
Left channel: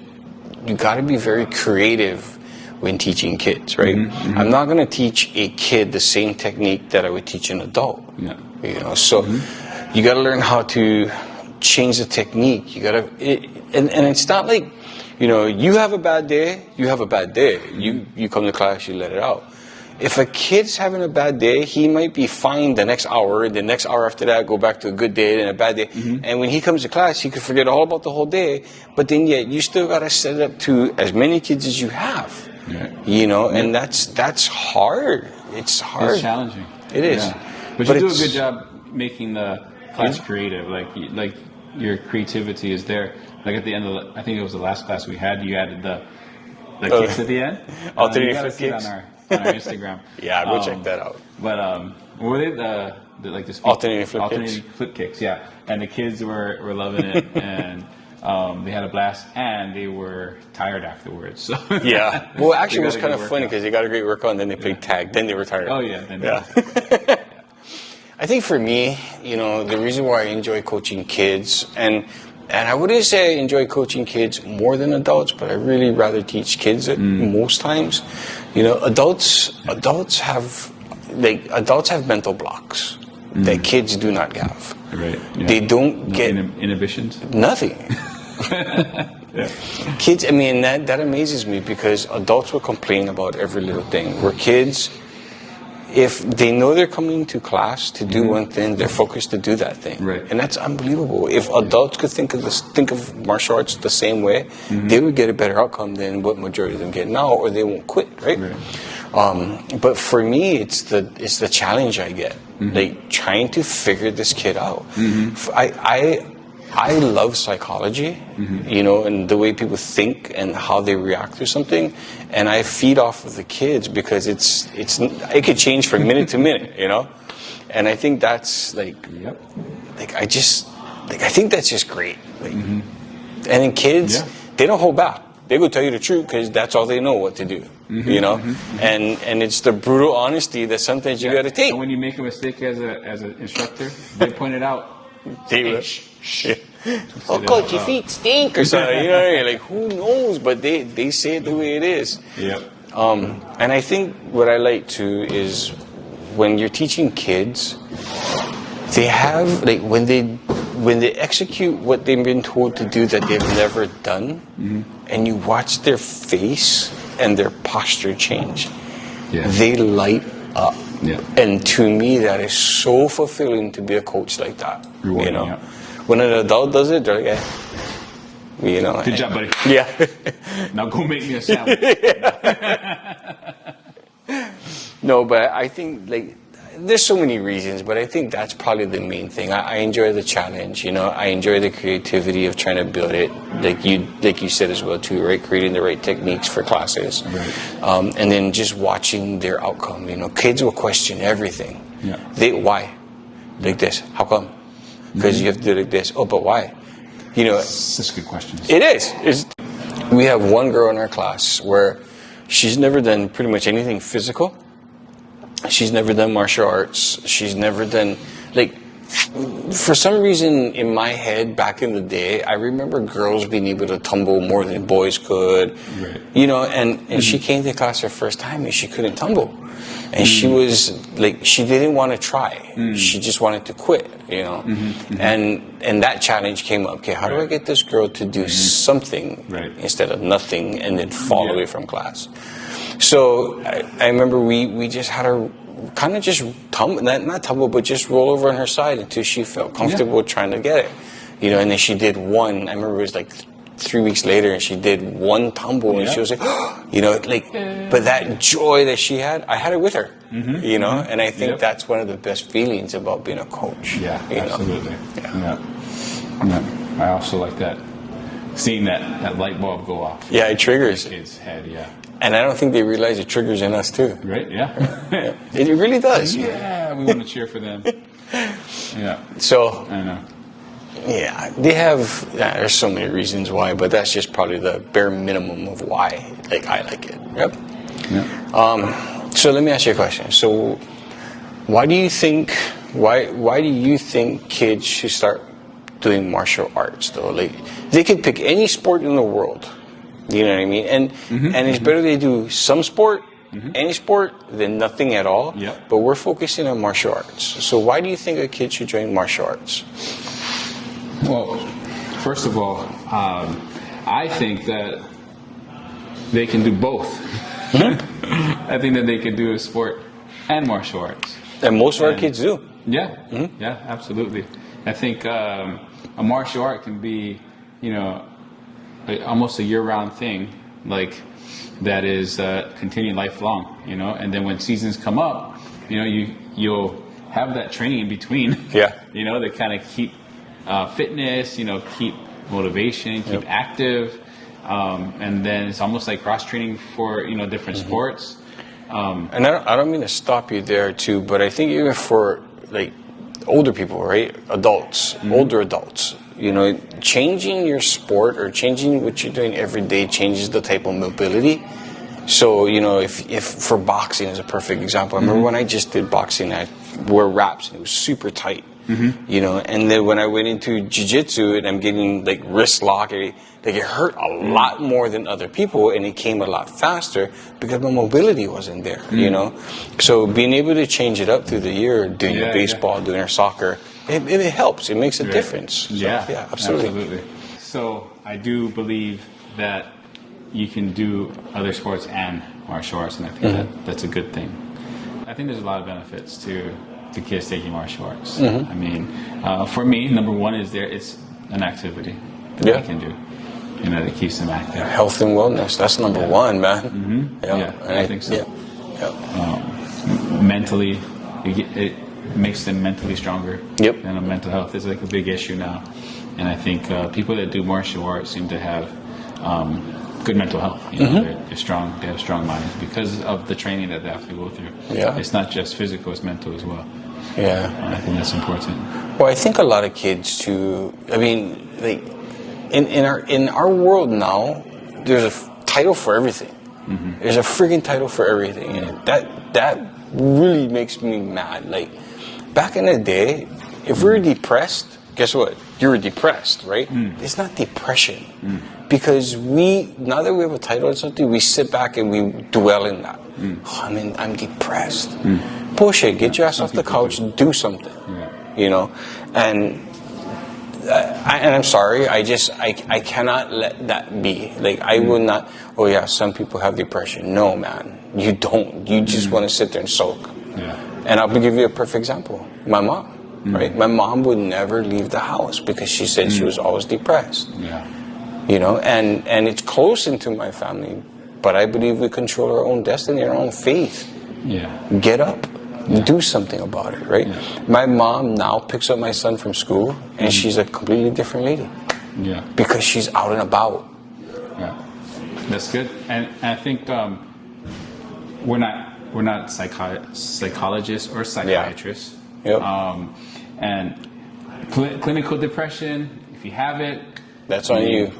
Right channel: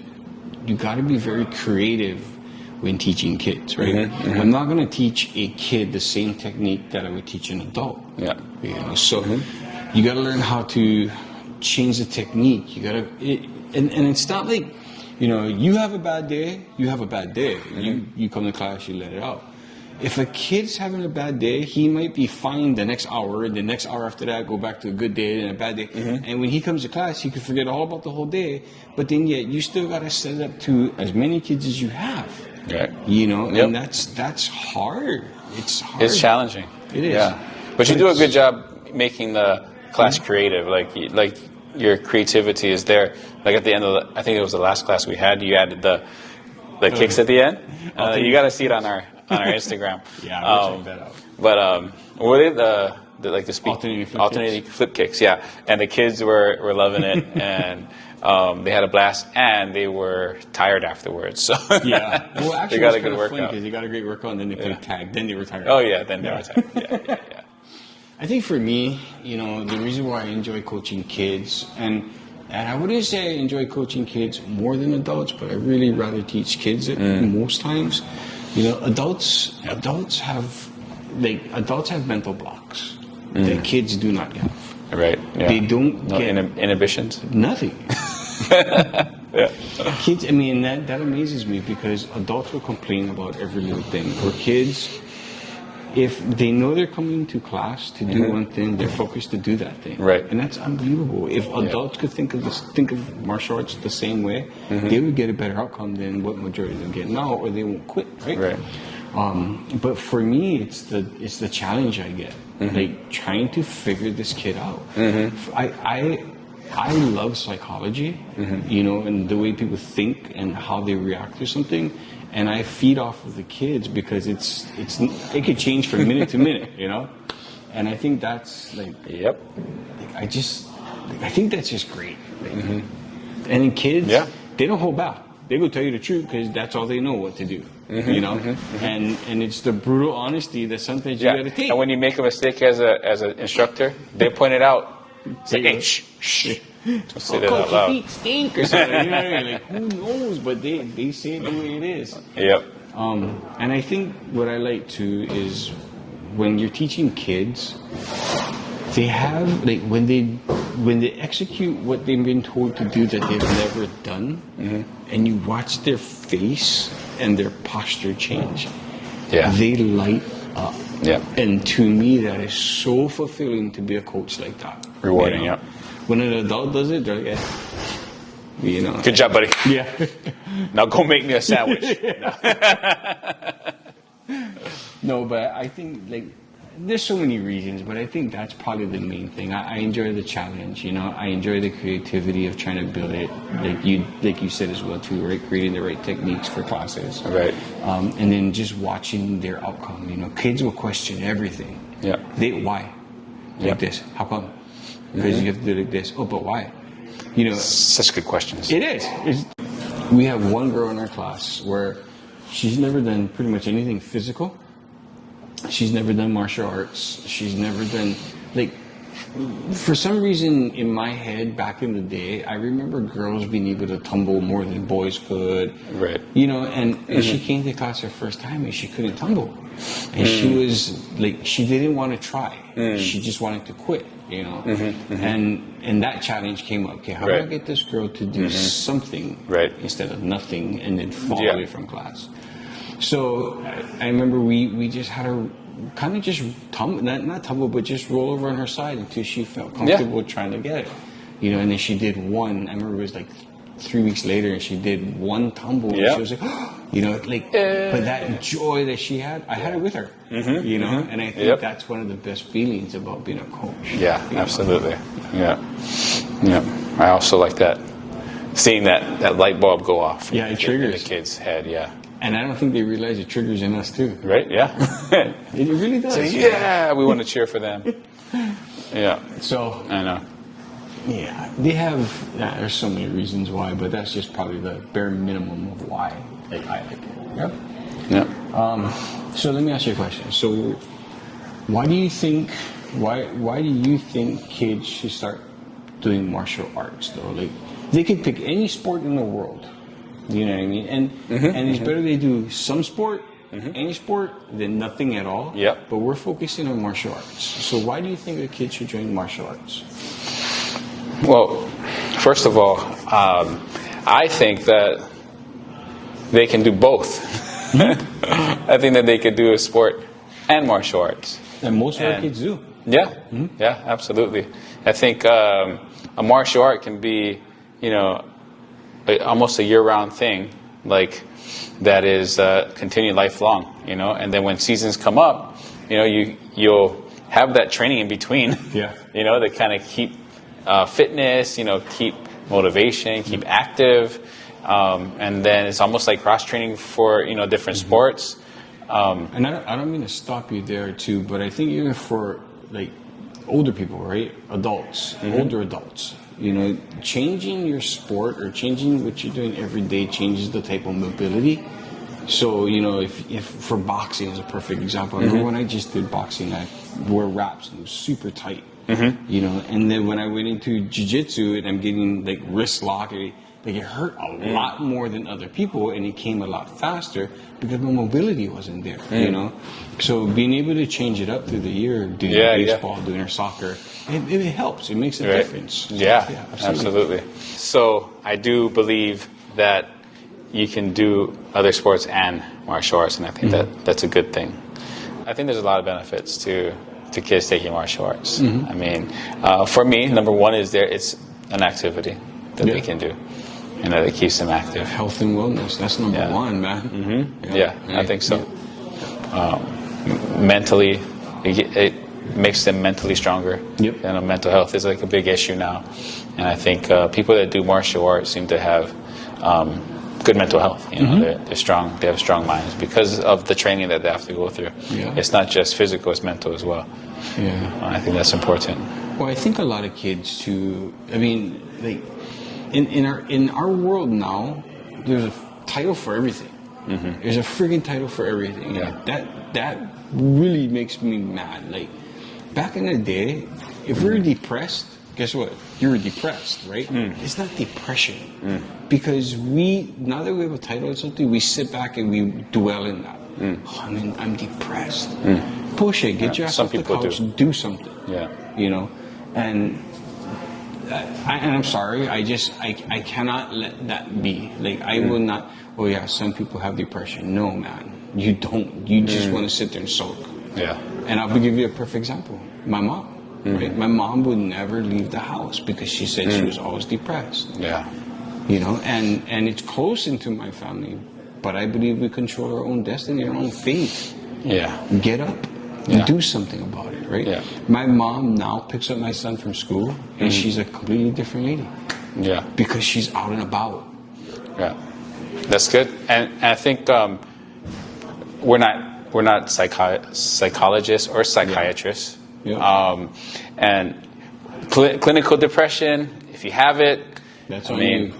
you got to be very creative when teaching kids, right? I'm not going to teach a kid the same technique that I would teach an adult. Yeah. You know, so you got to learn how to change the technique. You got to, and it's not like, you know, you have a bad day, you have a bad day. You come to class, you let it out. If a kid's having a bad day, he might be fine the next hour, the next hour after that, go back to a good day, then a bad day. And when he comes to class, he could forget all about the whole day, but then yet you still got to set it up to as many kids as you have. Right. You know, and that's hard. It's hard. It's challenging. It is. Yeah. But you do a good job making the class creative. Like your creativity is there. Like at the end of I think it was the last class we had, you added the kicks at the end. You got to see it on our Instagram. Yeah, go check that out. But what did alternating flip kicks? Yeah, and the kids were loving it, and they had a blast, and they were tired afterwards. So yeah, well, actually, it was kind of funny because they got a great workout, and then they played tag, then they were tired. Oh yeah, then I think for me, you know, the reason why I enjoy coaching kids, and I wouldn't say I enjoy coaching kids more than adults, but I really rather teach kids most times. You know, adults have mental blocks that kids do not have. Right. Yeah. They don't get inhibitions. Nothing. Kids, I mean, that amazes me because adults will complain about every little thing. Where kids, if they know they're coming to class to do one thing, they're focused to do that thing. Right. And that's unbelievable. If adults could think of martial arts the same way, they would get a better outcome than what majority of them get now, or they won't quit, right? Right. But for me, it's the challenge I get, like trying to figure this kid out. I love psychology, you know, and the way people think and how they react to something, and I feed off of the kids because it could change from minute to minute, you know, and I think that's I think that's just great. And then kids, they don't hold back. They go tell you the truth because that's all they know what to do, you know, and it's the brutal honesty that sometimes you got to take. And when you make a mistake as an instructor, they point it out. Coach, your feet stink or something. You know what I mean? Like, who knows? But they say it the way it is. Yep. And I think what I like too is when you're teaching kids, they have when they execute what they've been told to do that they've never done, and you watch their face and their posture change. Yeah. They light up. Yeah. And to me, that is so fulfilling to be a coach like that. Rewarding, you know? When an adult does it, they're like, you know. Good job, buddy. Yeah. Now go make me a sandwich. No, but I think like there's so many reasons, but I think that's probably the main thing. I enjoy the challenge, you know. I enjoy the creativity of trying to build it, like you said as well too, right? Creating the right techniques for classes, Right. And then just watching their outcome. You know, kids will question everything. Yeah. Why, like this? How come? Because you have to do like this. Oh, but why? You know, Such good questions. it is. We have one girl in our class where she's never done pretty much anything physical. She's never done martial arts. She's never done, like, for some reason in my head back in the day, I remember girls being able to tumble more than boys could. Right. You know, and she came to class her first time and she couldn't tumble. And she was like, she didn't want to try. She just wanted to quit, you know. And that challenge came up. Okay, how do I get this girl to do something instead of nothing and then fall away from class? So I remember we just had her kind of just tumble, not tumble, but just roll over on her side until she felt comfortable trying to get it. You know, and then she did one. I remember it was like 3 weeks later, and she did one tumble, and she was like, you know, like, but that joy that she had, I had it with her, you know, and I think that's one of the best feelings about being a coach. Yeah, absolutely. Yeah. I also like that, seeing that light bulb go off. Yeah, it triggers the kid's head. Yeah. And I don't think they realize it triggers in us too. Right? Yeah. It really does. Yeah, we want to cheer for them. Yeah. So I know. Yeah, they have. There's so many reasons why, but that's just probably the bare minimum of why. Like I like it. Yep. Yeah. So let me ask you a question. So, why do you think? Why do you think kids should start doing martial arts though? Like they could pick any sport in the world. You know what I mean? And it's better they do some sport, any sport, than nothing at all. Yeah. But we're focusing on martial arts. So why do you think a kid should join martial arts? Well, first of all, I think that they can do both. I think that they could do a sport and martial arts. And most of our kids do. Yeah, yeah, absolutely. I think a martial art can be, you know, almost a year-round thing, like that is continued lifelong, you know. And then when seasons come up, you know, you'll have that training in between. Yeah. You know, that kind of keep fitness, you know, keep motivation, keep active, and then it's almost like cross-training for, you know, different sports. And I don't mean to stop you there too, but I think even for like older people, right, adults, older adults, you know, changing your sport or changing what you're doing every day changes the type of mobility. So, you know, if for boxing is a perfect example. I remember when I just did boxing, I wore wraps and it was super tight. You know, and then when I went into jiu-jitsu and I'm getting like wrist lock, it hurt a lot more than other people, and it came a lot faster because my mobility wasn't there, you know. So being able to change it up through the year, doing your baseball, doing your soccer, it helps. It makes a difference. Yeah, absolutely. So I do believe that you can do other sports and martial arts, and I think that's a good thing. I think there's a lot of benefits to kids taking martial arts. I mean, for me, number one is it's an activity that they can do. You know, that keeps them active. Health and wellness, that's number one, man. Yeah, I think so. Mentally, it makes them mentally stronger. Yep. You know, mental health is like a big issue now. And I think people that do martial arts seem to have good mental health. You know, they're strong. They have strong minds because of the training that they have to go through. Yeah. It's not just physical; it's mental as well. Yeah. And I think that's important. Well, I think a lot of kids too. I mean, like in our world now, there's a title for everything. There's a friggin' title for everything. Yeah. That really makes me mad. Like back in the day, if we were depressed, guess what? You were depressed, right? It's not depression. Because now that we have a title or something, we sit back and we dwell in that. Oh, I mean, I'm depressed. Bullshit, get your ass off the couch and do something. Yeah. You know? And I'm sorry, I cannot let that be. Like, I will not, oh yeah, some people have depression. No, man, you don't. You just want to sit there and sulk. Yeah. And I'll give you a perfect example. My mom. Right? My mom would never leave the house because she said she was always depressed. Yeah. You know, and it's close into my family, but I believe we control our own destiny, our own fate. Yeah. Get up. Yeah. Do something about it, right? Yeah. My mom now picks up my son from school, and she's a completely different lady. Yeah. Because she's out and about. Yeah. That's good. And I think we're not psychologists or psychiatrists. Yeah. Yep. And clinical depression, if you have it, that's on you.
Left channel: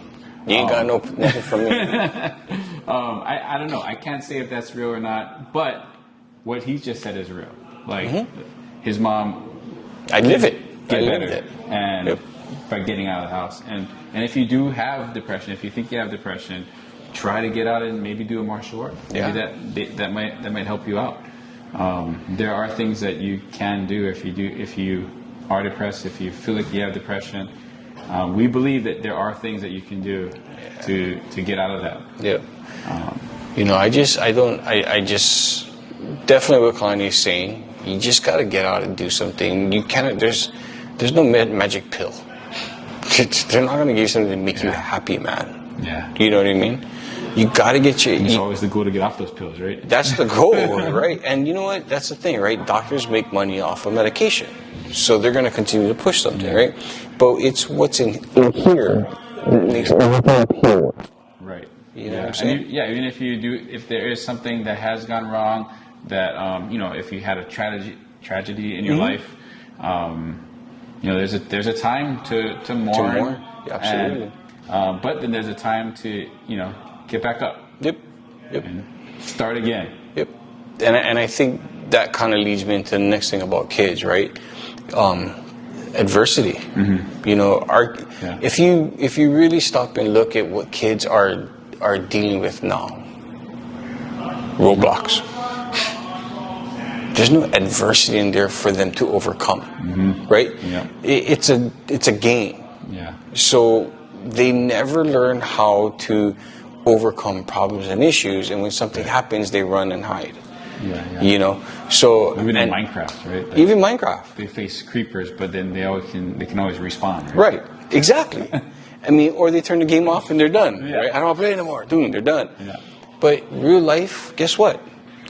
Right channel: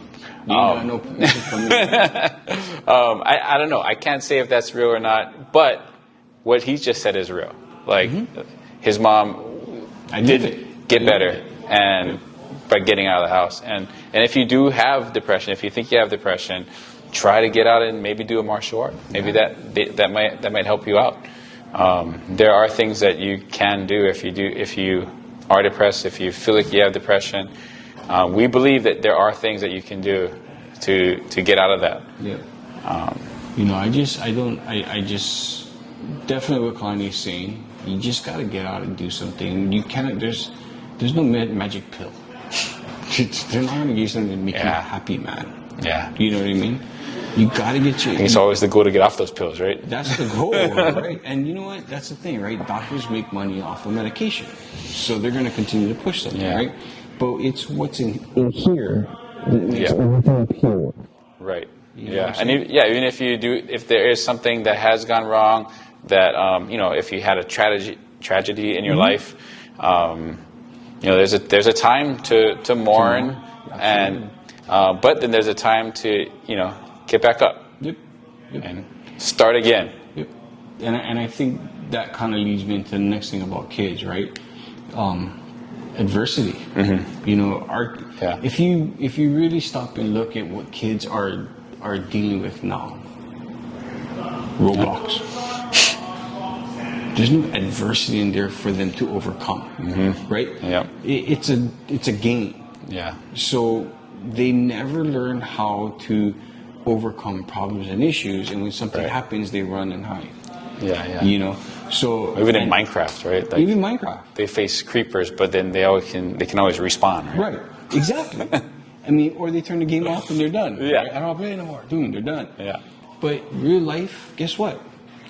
You ain't got nothing from me. I don't know. I can't say if that's real or not, but what he just said is real. Like his mom, get better, and by getting out of the house. And if you do have depression, if you think you have depression, try to get out and maybe do a martial art. Maybe that might help you out. There are things that you can do if you are depressed, if you feel like you have depression. We believe that there are things that you can do to get out of that. Yeah. I just definitely what Kalani is saying. You just got to get out and do something. You can't. There's no magic pill. They're not going to give you something to make you happy, man. Yeah. You know what I mean? You got to get your. It's always the goal to get off those pills, right? That's the goal, right? And you know what? That's the thing, right? Doctors make money off of medication, so they're going to continue to push something, right? But it's what's in here that makes everything up here. Right. You know what I'm saying? And even if there is something that has gone wrong, that if you had a tragedy in your life, there's a time to mourn, Absolutely. and but then there's a time to get back up. Yep. And start again. Yep. And I think that kind of leads me into the next thing about kids, right? Adversity. If you really stop and look at what kids are dealing with now, roadblocks. There's no adversity in there for them to overcome, right? Yeah. It's a game. Yeah. So they never learn how to overcome problems and issues, and when something happens, they run and hide. Yeah. So even in Minecraft, right? Like, even Minecraft, they face creepers, but then they can always respawn. Right. Exactly. I mean, or they turn the game off and they're done. Yeah. Right? I don't want to play anymore. Boom, they're done. Yeah. But real life, guess what?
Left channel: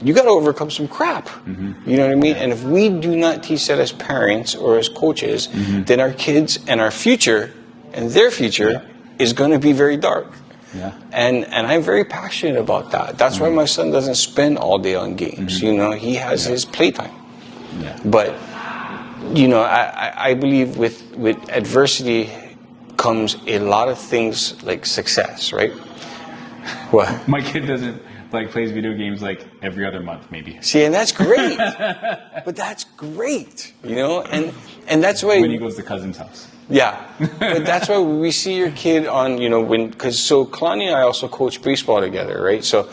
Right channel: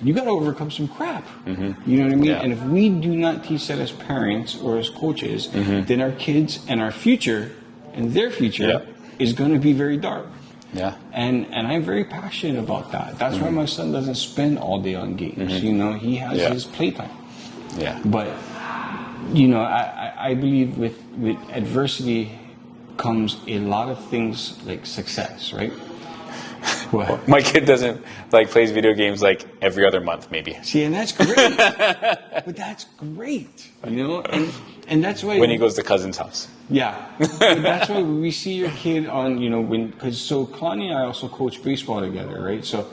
You got to overcome some crap. You know what I mean? Yeah. And if we do not teach that as parents or as coaches, then our kids and our future and their future is going to be very dark. Yeah. And I'm very passionate about that. That's why my son doesn't spend all day on games. He has his playtime. Yeah. But I believe with adversity comes a lot of things like success, right? Well, my kid doesn't plays video games every other month, maybe. See, and that's great. But that's great, and that's why when he goes to cousin's house. Yeah, but that's why we see your kid on, so Kalani and I also coach baseball together, right? So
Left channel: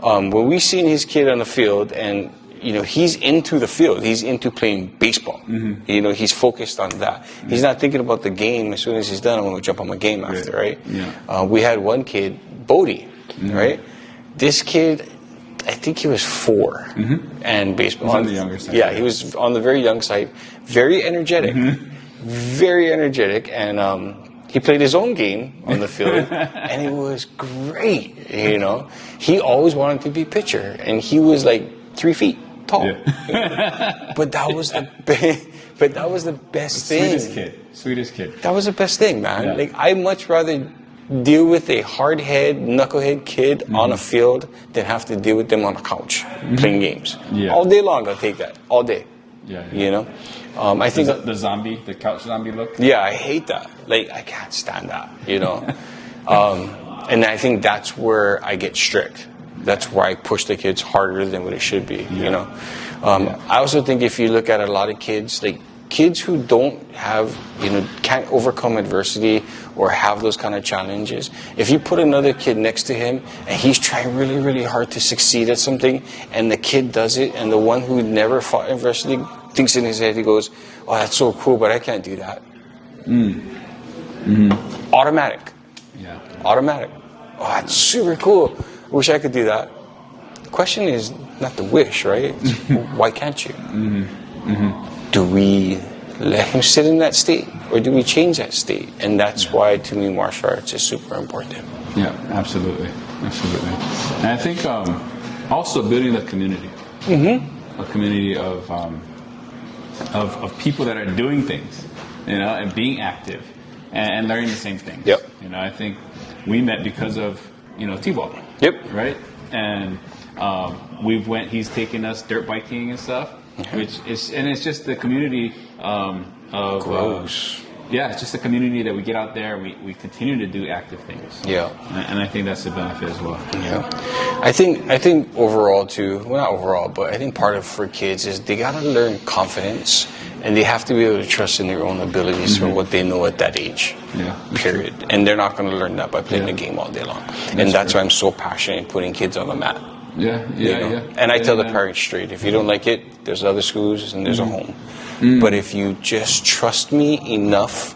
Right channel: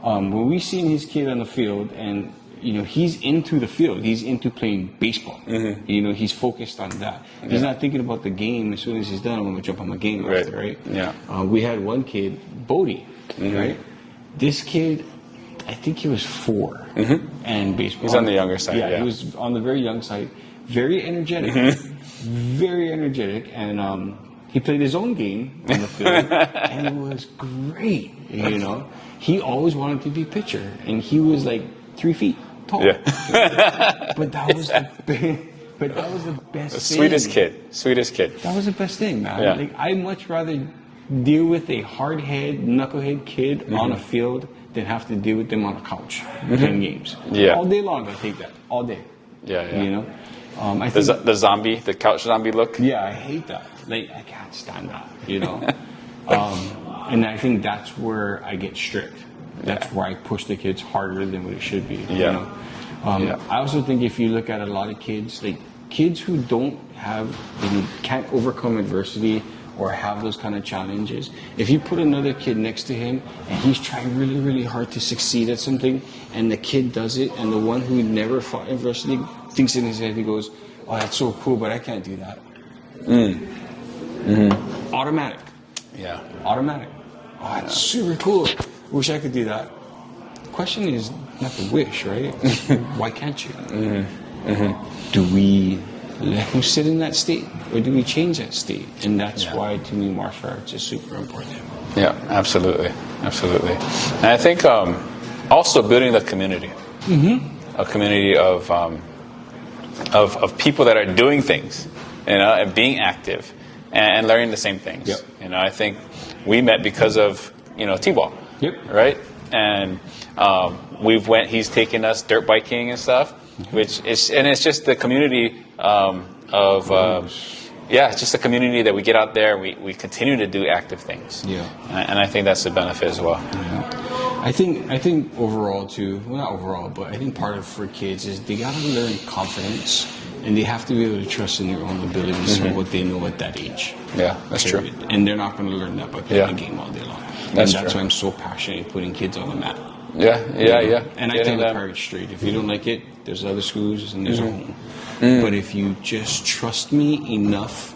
when we seen his kid on the field and, he's into the field, he's into playing baseball. He's focused on that. He's not thinking about the game. As soon as he's done, I'm going to jump on my game after, right? Yeah. We had one kid, Bodie, right? This kid, I think he was 4, and baseball. He's on the younger side. Yeah, he was on the very young side, very energetic. Very energetic, and he played his own game on the field, and it was great. He always wanted to be pitcher, and he was 3 feet tall. Yeah. But that was the best thing. Sweetest kid. That was the best thing, man. Yeah. I'd much rather deal with a hardhead, knucklehead kid on a field than have to deal with them on a couch playing games. Yeah. All day long, I'll take that. All day. Yeah. I think the couch zombie look. Yeah, I hate that. I can't stand that. And I think that's where I get strict. That's where I push the kids harder than what it should be. I also think if you look at a lot of kids, kids who don't have, can't overcome adversity or have those kind of challenges, if you put another kid next to him and he's trying really, really hard to succeed at something, and the kid does it, and the one who never fought adversity thinks in his head, he goes, "Oh, that's so cool, but I can't do that." Automatic. Yeah. Automatic. Oh, that's super cool. Wish I could do that. The question is not the wish, right? Why can't you? Do we let him sit in that state, or do we change that state? And that's why, to me, martial arts is super important. Yeah, absolutely. And I think also building the community. a community of people that are doing things, and being active and learning the same things. Yep. I think we met because of T-ball. Yep. Right. And he's taken us dirt biking and stuff, it's just the community it's just a community that we get out there and we continue to do active things. Yeah. And I think that's the benefit as well. Yeah. I think overall too, well, not overall, but I think part of for kids is they got to learn confidence, and they have to be able to trust in their own abilities for what they know at that age. Yeah, that's period. true. And they're not going to learn that by playing a game all day long. That's why I'm so passionate in putting kids on the mat. Yeah. And I tell the parents straight, if you don't like it, there's other schools and there's a home. But if you just trust me enough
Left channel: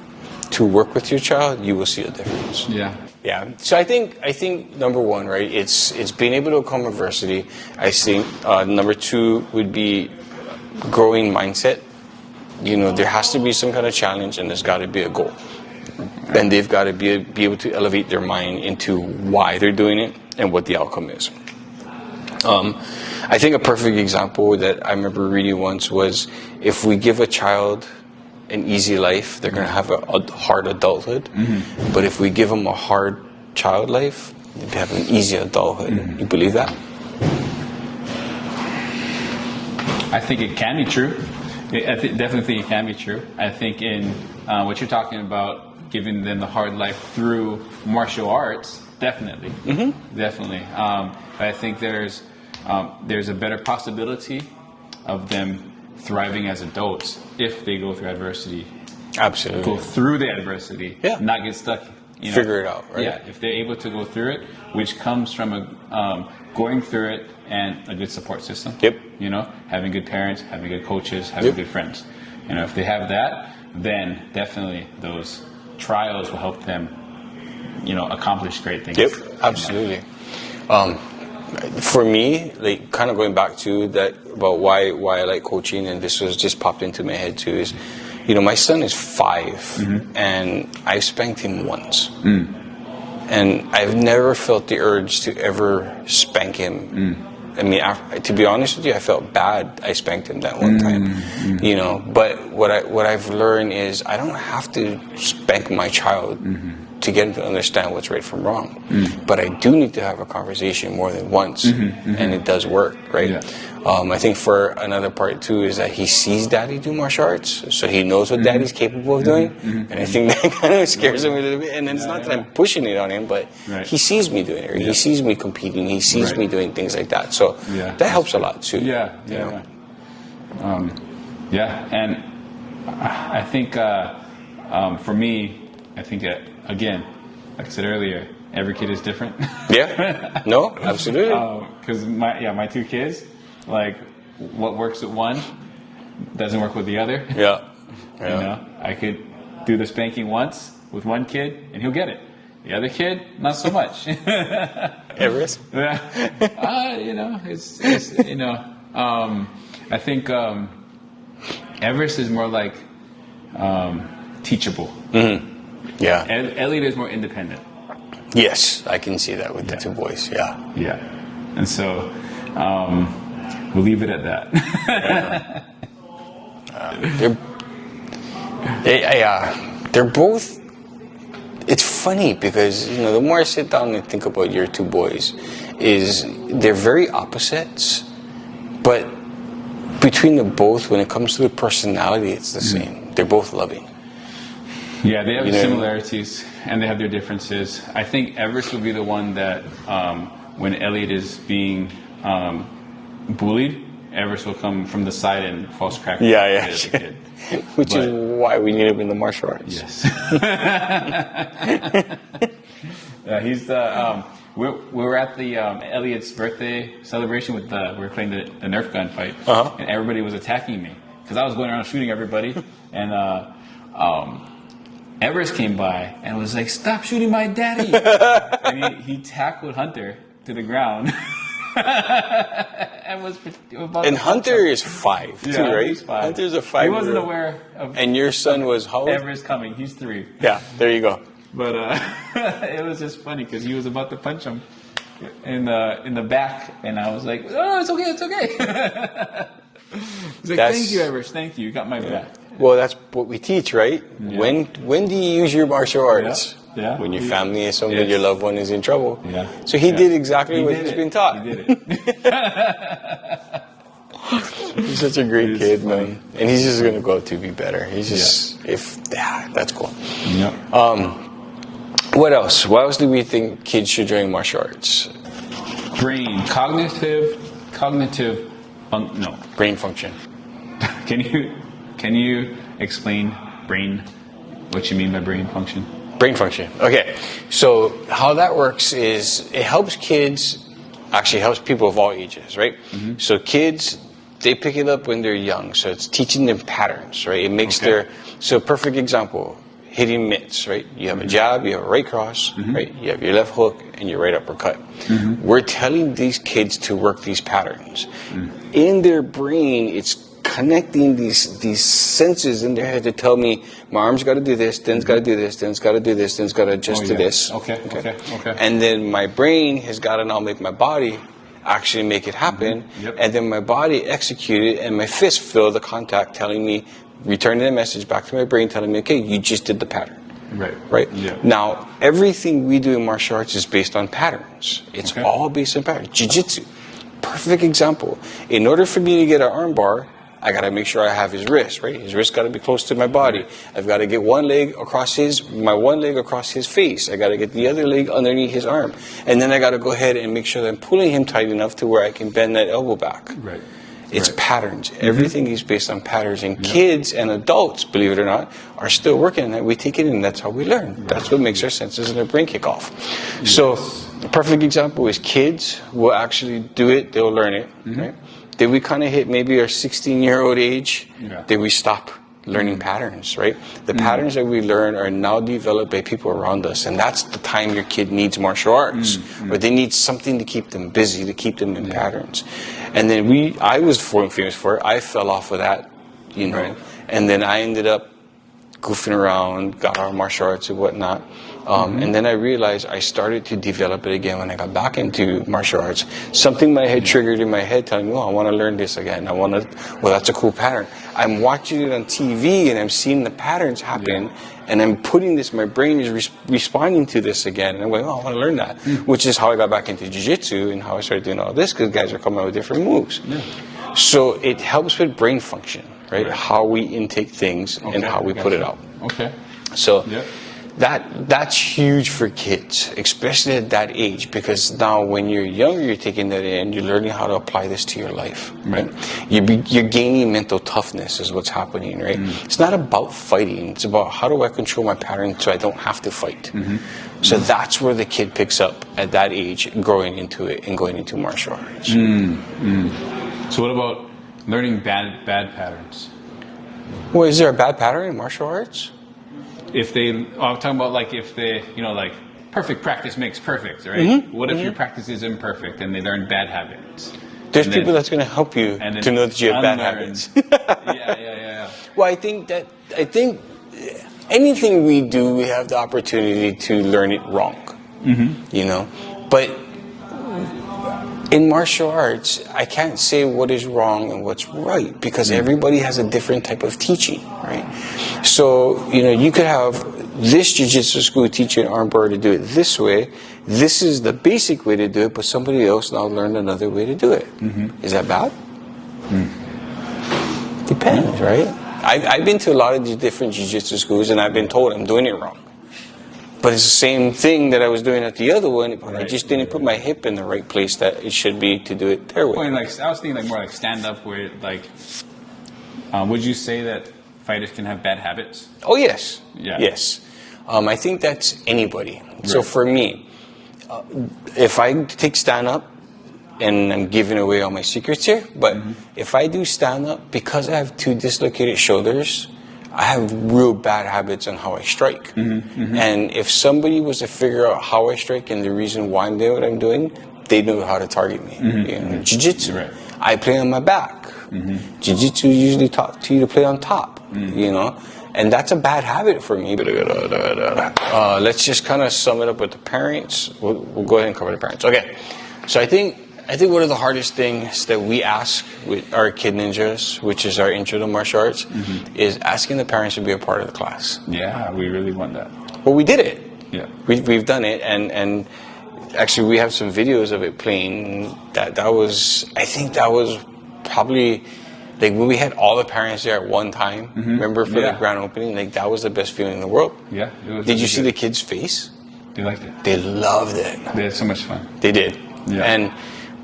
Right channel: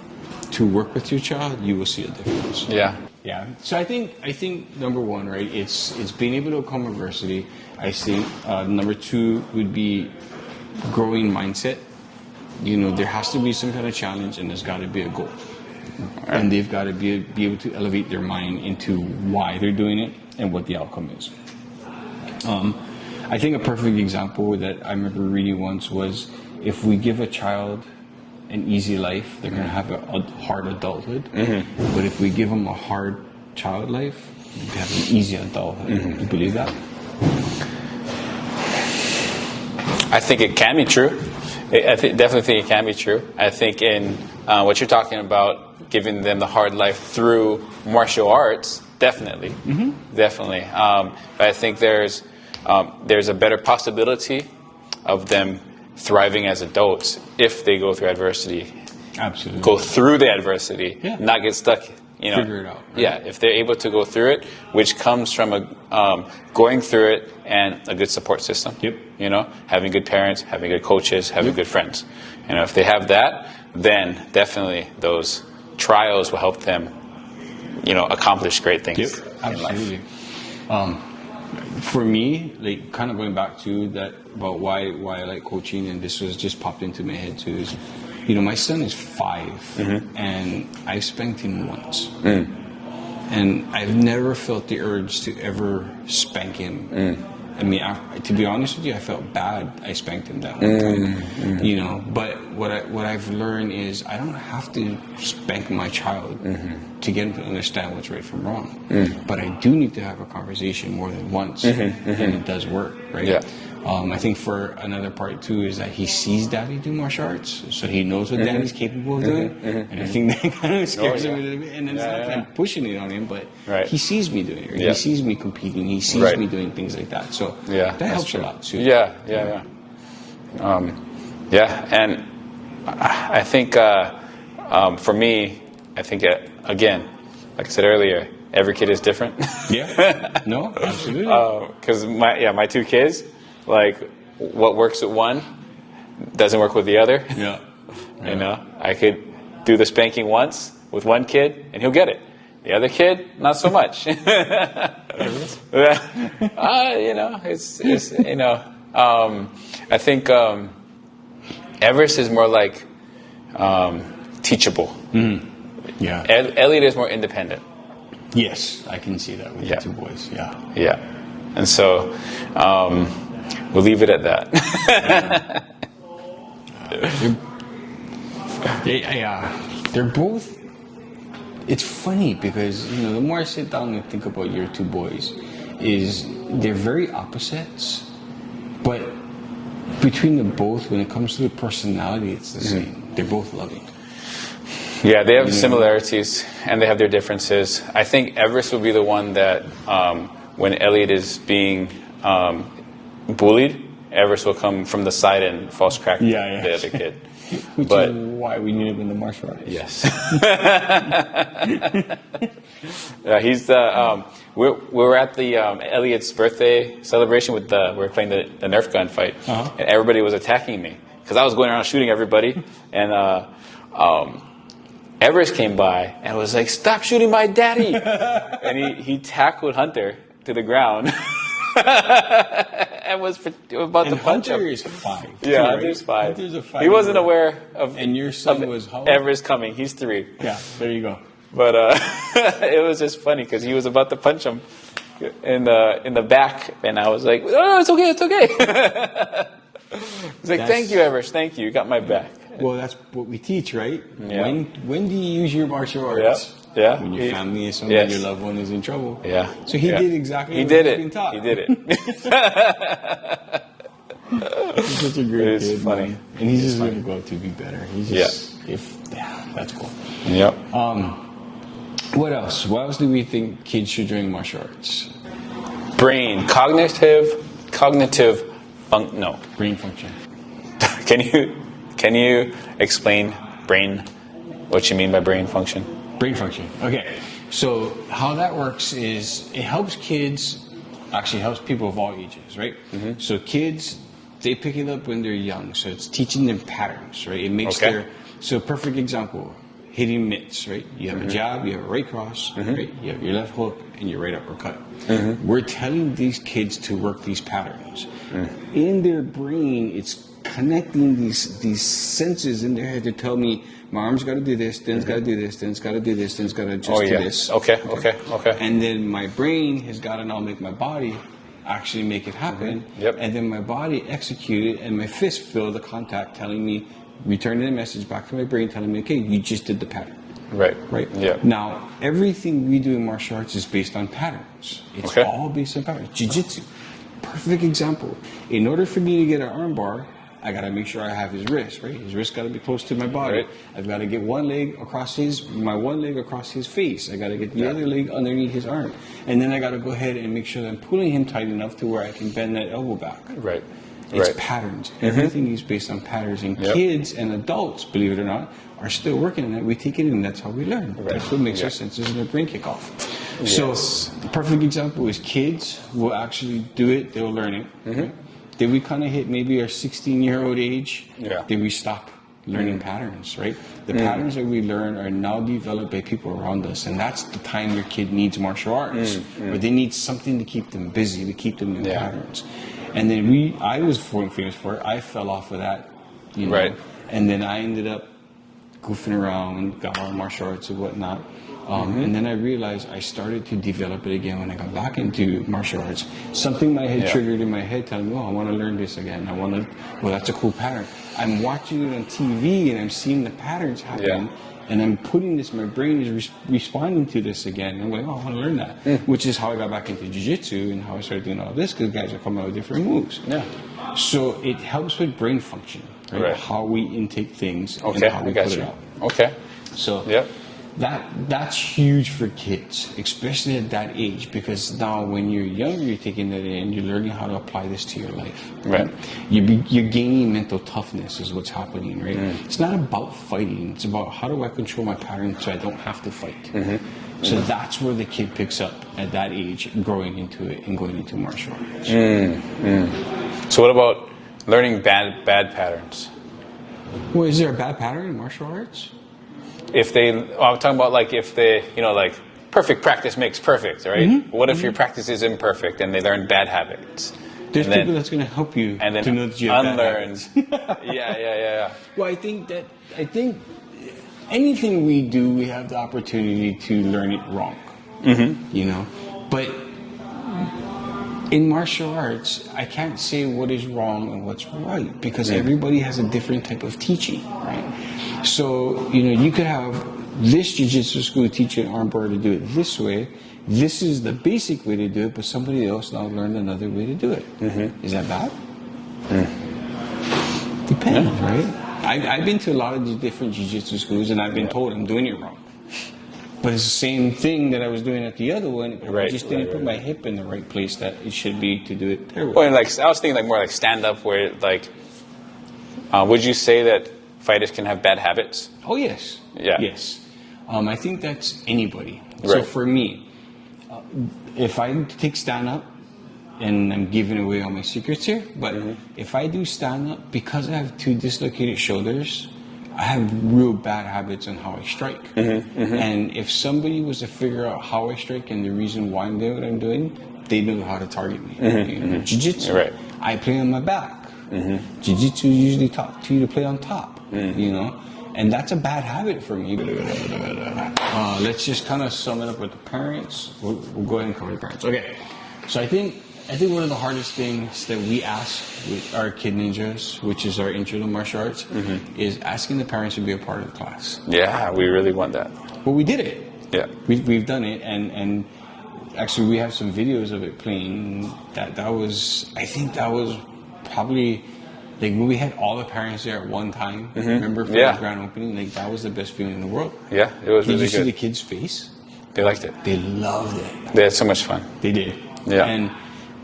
to work with your child, you will see a difference. Yeah. Yeah. So I think number one, right, it's being able to overcome adversity. I think number two would be growing mindset. There has to be some kind of challenge, and there's got to be a goal. Right. And they've got to be able to elevate their mind into why they're doing it and what the outcome is. I think a perfect example that I remember reading once was, if we give a child an easy life, they're going to have a hard adulthood. But if we give them a hard child life, they have an easy adulthood. You believe that? I think it can be true. Definitely think it can be true. I think in what you're talking about, giving them the hard life through martial arts, definitely. Definitely. But I think there's a better possibility of them thriving as adults if they go through adversity. Absolutely. Go through the adversity, not get stuck. Figure it out. Right? Yeah, if they're able to go through it, which comes from going through it and a good support system. Yep. Having good parents, having good coaches, having good friends. If they have that, then definitely those trials will help them, accomplish great things. Yep. Absolutely. For me, like, kind of going back to that about why I like coaching, and this was just popped into my head too, is, my son is 5, and I've spanked him once, and I've never felt the urge to ever spank him. I mean, to be honest with you, I felt bad I spanked him that one time, But what I've learned is I don't have to spank my child to get him to understand what's right from wrong. But I do need to have a conversation more than once, and it does work, right? Yeah. I think for another part too is that he sees Daddy do martial arts, so he knows what Daddy's capable of doing, and I think that kind of scares him a little bit. And it's not that I'm pushing it on him, but he sees me doing it. Or he sees me competing. He sees me doing things like that. So that helps a lot too. Yeah. And I think for me, I think again, like I said earlier, every kid is different. Yeah. No, absolutely. Because my 2 kids, like, what works with one doesn't work with the other. Yeah. I could do the spanking once with one kid and he'll get it. The other kid, not so much. Everest? I think Everest is more like teachable. Yeah. Elliot is more independent. Yes, I can see that with the 2 boys. Yeah. Yeah. And so we'll leave it at that. They're both. It's funny because the more I sit down and think about your 2 boys, is they're very opposites, but between them both, when it comes to the personality, it's the same. They're both loving. Yeah, they have similarities and they have their differences. I think Everest will be the one that when Elliot is being bullied, Everest will come from the side and false crack the other kid. Which is why we need him in the martial arts. Yes. Yeah, he's the. We were at the Elliot's birthday celebration with we were playing the Nerf gun fight, and everybody was attacking me because I was going around shooting everybody, and Everest came by and was like, "Stop shooting my daddy!" And he tackled Hunter to the ground. And was about and to Hunter is 5, yeah, too, right? He's 5. Hunter's a 5. He wasn't aware of. And your son was how old? Everest coming. He's 3. Yeah, there you go. But it was just funny because he was about to punch him, in the back, and I was like, "Oh, it's okay, it's okay." He's like, "Thank you, Everest. Thank you. You got my back." Well, that's what we teach, right? Yeah. When do you use your martial arts? Yeah. When your family is somebody, your loved one is in trouble. Yeah. So he did exactly what he's been taught. He did it. He's such a great kid, funny. man. And he's just gonna grow to be better. He's just that's cool. Yep. What else? What else do we think kids should join martial arts? Brain, Brain function. Can you explain brain? What you mean by brain function? Brain function. Okay. So how that works is it helps kids, actually helps people of all ages, right? Mm-hmm. So kids, they pick it up when they're young. So it's teaching them patterns, right? It makes so perfect example, hitting mitts, right? You have a jab, you have a right cross, right? You have your left hook and your right uppercut. We're telling these kids to work these patterns. In their brain, it's connecting these senses in their head to tell me my arm's got to do this, then it's got to do this, then it's got to do this, then it's got to adjust to this. Okay. And then my brain has got to now make my body actually make it happen. And then my body execute it, and my fist feel the contact telling me, returning a message back to my brain telling me, okay, you just did the pattern. Right? Yeah. Now, everything we do in martial arts is based on patterns. It's all based on patterns. Jiu-jitsu, perfect example. In order for me to get an arm bar, I got to make sure I have his wrist, right? His wrist got to be close to my body. I've got to get one leg across my one leg across his face. I got to get the other leg underneath his arm. And then I got to go ahead and make sure that I'm pulling him tight enough to where I can bend that elbow back. It's patterns. Everything is based on patterns. And kids and adults, believe it or not, are still working on that. We take it in, and that's how we learn. That's what makes our senses and our brain kick off. So a perfect example is kids will actually do it. They'll learn it. Right? Then we kind of hit maybe our 16-year-old age. Then we stop learning patterns, right? The patterns that we learn are now developed by people around us. And that's the time your kid needs martial arts. Or they need something to keep them busy, to keep them in patterns. And then I was famous for it. I fell off of that, you know. And then I ended up goofing around, got out of martial arts and whatnot. And then I realized I started to develop it again when I got back into martial arts. Something my head triggered in my head telling me, oh, I want to learn this again. Well, that's a cool pattern. I'm watching it on TV and I'm seeing the patterns happen. And I'm putting this, my brain is responding to this again. And I'm going, oh, I want to learn that. Which is how I got back into jiu-jitsu and how I started doing all this, because guys are coming out with different moves. So it helps with brain function, right? How we intake things and how we put it out. So that's huge for kids, especially at that age, because now when you're younger, you're taking that in, you're learning how to apply this to your life, right? You're gaining mental toughness is what's happening, right? It's not about fighting. It's about how do I control my pattern so I don't have to fight. So that's where the kid picks up at that age, growing into it and going into martial arts. So what about learning bad patterns? Well, is there a bad pattern in martial arts? I'm talking about like if they, like perfect practice makes perfect, right? What if your practice is imperfect and they learn bad habits? There's people that's going to help you to know that you have bad habits. Well, I think anything we do, we have the opportunity to learn it wrong, you know? But in martial arts, I can't say what is wrong and what's right, because everybody has a different type of teaching, right? So, you could have this jiu-jitsu school teach an armbar to do it this way. This is the basic way to do it, but somebody else now learned another way to do it. Is that bad? Depends, right? I've been to a lot of these different jiu-jitsu schools, and I've been told I'm doing it wrong. But it's the same thing that I was doing at the other one, but I just didn't put my hip in the right place that it should be to do it their way. Well, and I was thinking more like stand-up, where would you say that fighters can have bad habits? Oh, yes. Yes. I think that's anybody. So for me, if I take stand-up, and I'm giving away all my secrets here, but if I do stand-up, because I have 2 dislocated shoulders, I have real bad habits on how I strike. And if somebody was to figure out how I strike and the reason why I'm doing what I'm doing, they know how to target me. Jiu-jitsu, I play on my back. Jiu-jitsu usually taught to you to play on top, And that's a bad habit for me. Let's just kind of sum it up with the parents. We'll go ahead and cover the parents. Okay. So I think one of the hardest things that we ask with our Kid Ninjas, which is our intro to martial arts, is asking the parents to be a part of the class. Yeah, we really want that. Well, we did it. Yeah. We've done it, and actually we have some videos of it playing. I think that was probably, like, when we had all the parents there at one time, remember, for the grand opening, like, that was the best feeling in the world. Yeah, it was. Did you see the kids' face? They liked it. They loved it. They had so much fun. They did. Yeah.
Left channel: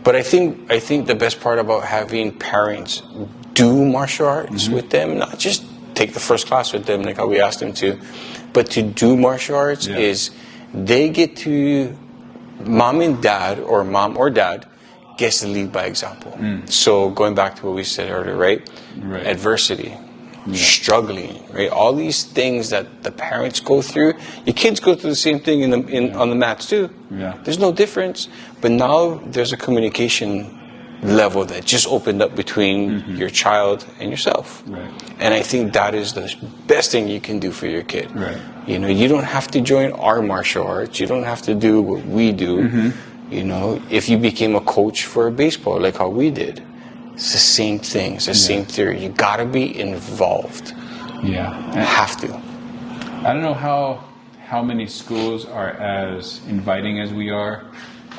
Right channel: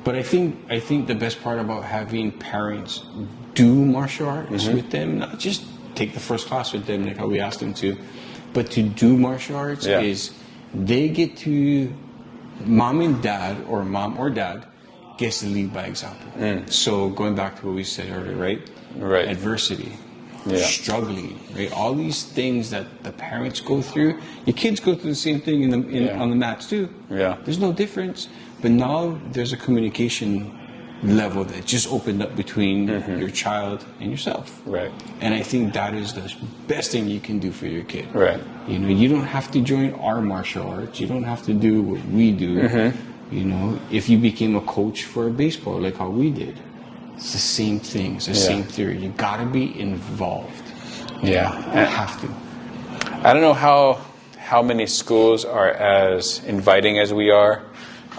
But I think the best part about having parents do martial arts with them, not just take the first class with them like how we asked them to, but to do martial arts is they get to, mom and dad, or mom or dad, gets to lead by example. So going back to what we said earlier, right? Adversity, struggling, right? All these things that the parents go through, your kids go through the same thing on the mats too. Yeah. There's no difference. But now there's a communication level that just opened up between your child and yourself. Right. And I think that is the best thing you can do for your kid. Right. You know, you don't have to join our martial arts. You don't have to do what we do. You know, if you became a coach for baseball, like how we did, it's the same thing. It's the same theory. You gotta be involved. Yeah. You have to. I don't know how many schools are as inviting as we are,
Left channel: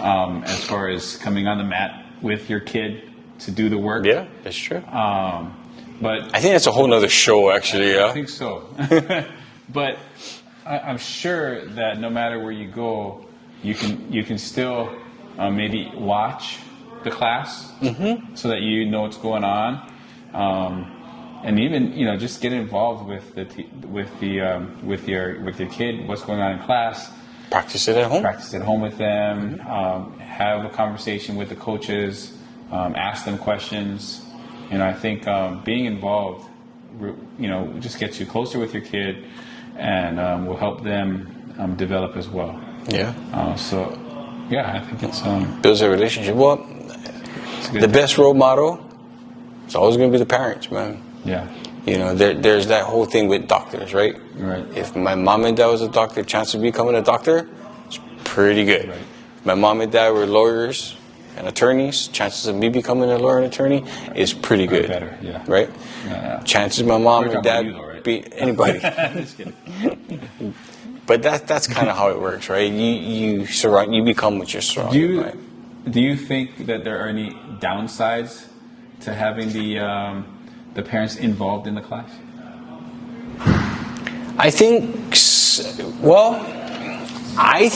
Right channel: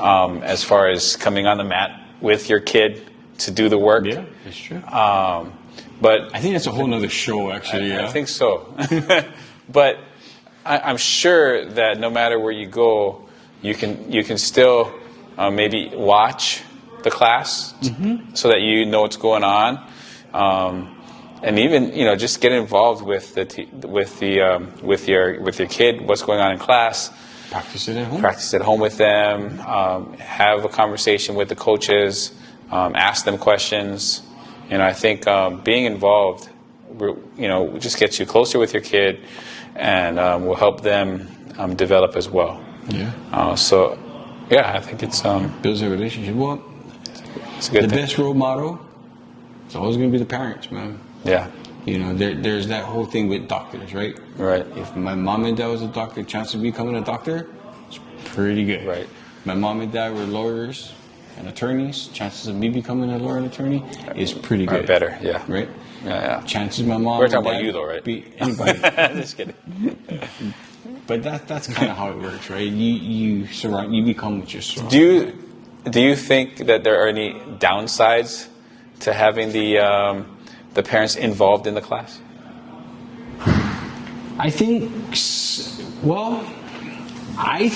as far as coming on the mat with your kid to do the work. Yeah, that's true. But I think that's a whole nother show, actually. I think so. But I'm sure that no matter where you go, you can still maybe watch the class so that you know what's going on, and even just get involved with your kid, what's going on in class. Practice it at home. Practice at home with them. Have a conversation with the coaches. Ask them questions. I think being involved, just gets you closer with your kid, and will help them develop as well. Yeah. I think it's builds a relationship. Well, the best role model is always going to be the parents, man. Yeah. There's that whole thing with doctors, right? Right. If my mom and dad was a doctor, chance of becoming a doctor is pretty good. Right. My mom and dad were lawyers and attorneys, chances of me becoming a lawyer and attorney is pretty good. Better, yeah. Right? Yeah. Chances my mom and dad you though, right? be anybody. Just kidding. But that's kind of how it works, right? You become what you're surrounded by. Do you think that there are any downsides to having the parents involved in the class? I think, well, I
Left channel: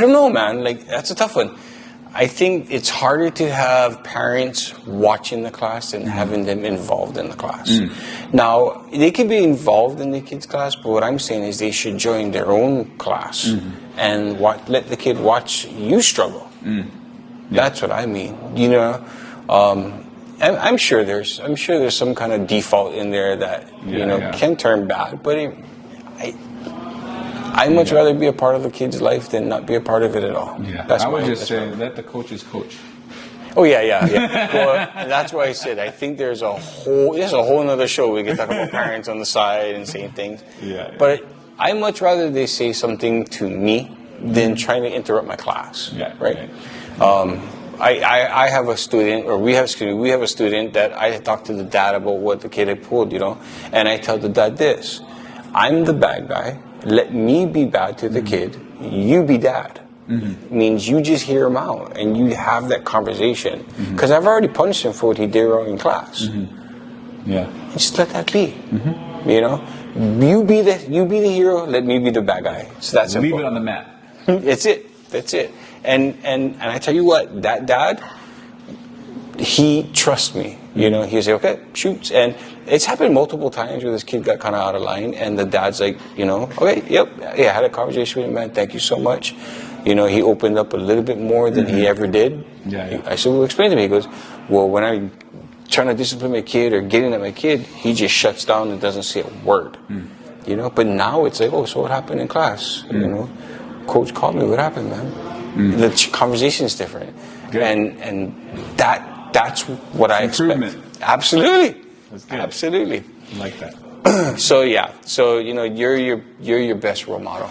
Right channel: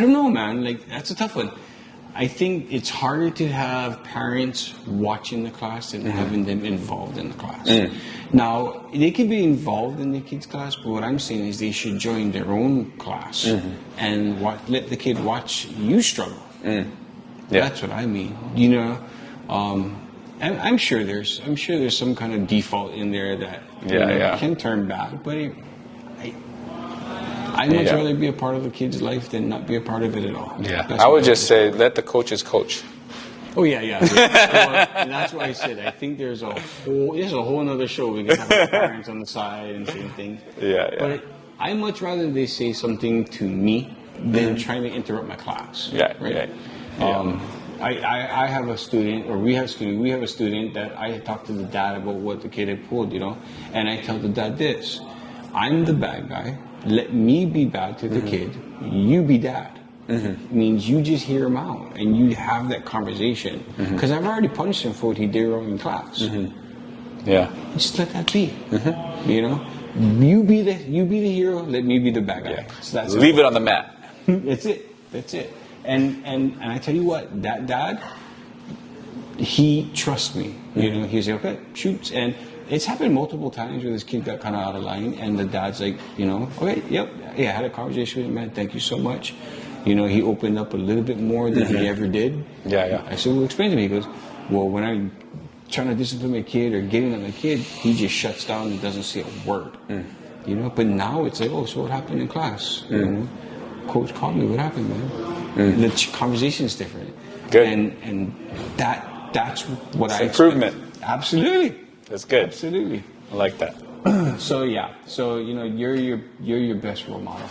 don't know, man. Like, that's a tough one. I think it's harder to have parents watching the class than having them involved in the class. Now, they can be involved in the kids' class, but what I'm saying is they should join their own class and let the kid watch you struggle. That's what I mean. I'm sure there's some kind of default in there that can turn bad, but I'd much rather be a part of the kid's life than not be a part of it at all. Yeah, I would just say let the coaches coach. Oh yeah. Well, that's why I said I think there's a whole another show we can talk about parents on the side and saying things. Yeah. But I'd much rather they say something to me than trying to interrupt my class. Yeah. Right. I have a student, or we have a student that I talked to the dad about what the kid had pulled, and I tell the dad this: I'm the bad guy. Let me be bad to the kid. You be dad. Means you just hear him out and you have that conversation. Because I've already punished him for what he did wrong in class. Yeah. Just let that be. You be the hero. Let me be the bad guy. So that's leave it on the mat. That's it. And I tell you what, that dad, he trusts me. He's like, okay, shoots. And it's happened multiple times where this kid got kind of out of line, and the dad's like, okay, yep, yeah, I had a conversation with him, man, thank you so much. He opened up a little bit more than he ever did. Yeah. I said, well, explain to me. He goes, well, when I'm trying to discipline my kid or getting at my kid, he just shuts down and doesn't say a word. But now it's like, oh, so what happened in class? Coach called me, what happened, man? The conversation is different. Good. And that's what I expect. Improvement. Absolutely. That's good. Absolutely. I like that. So you're your best role model.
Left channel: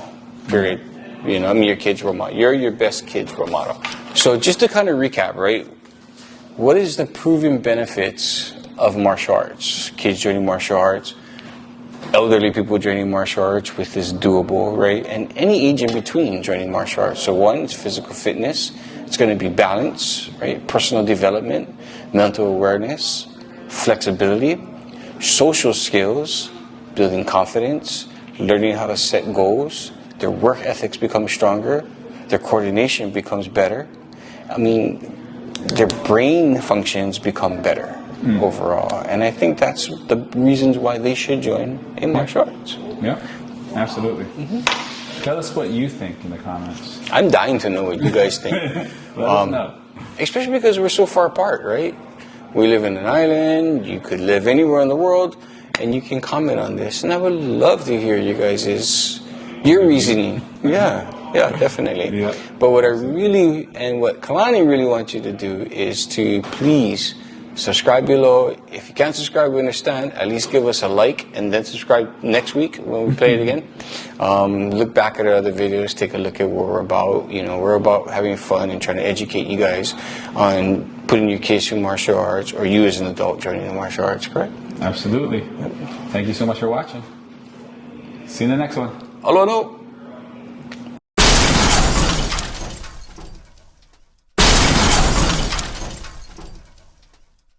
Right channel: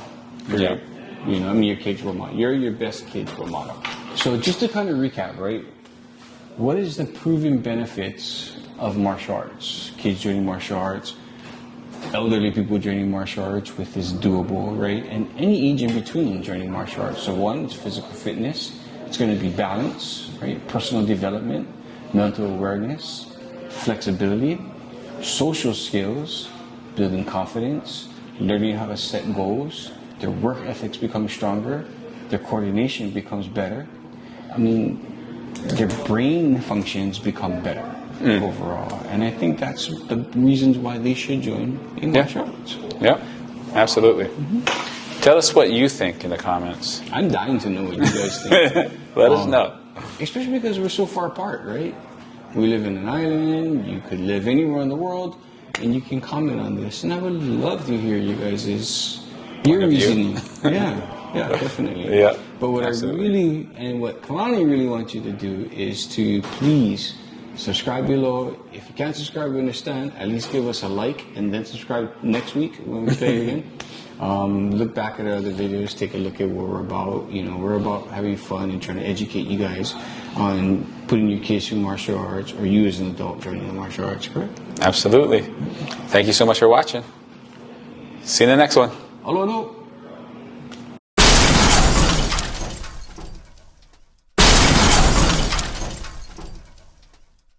Period. Your kid's role model. You're your best kid's role model. So just to kind of recap, right? What is the proven benefits of martial arts? Kids joining martial arts, elderly people joining martial arts with this doable, right? And any age in between joining martial arts. So one, it's physical fitness. It's going to be balance, right? Personal development, mental awareness, flexibility, social skills, building confidence, learning how to set goals. Their work ethics become stronger. Their coordination becomes better. Their brain functions become better overall. And I think that's the reasons why they should join in martial arts. Yeah, absolutely. Tell us what you think in the comments. I'm dying to know what you guys think. Let us know. Especially because we're so far apart, right? We live in an island. You could live anywhere in the world, and you can comment on this. And I would love to hear your reasoning. Yeah, definitely. Yeah. But what what Kalani really wants you to do is to please subscribe below. If you can't subscribe, we understand. At least give us a like and then subscribe next week when we play it again. Look back at our other videos. Take a look at what we're about. We're about having fun and trying to educate you guys on putting your kids through martial arts, or you as an adult joining the martial arts, correct? Absolutely. Thank you so much for watching. See you in the next one. Aloha.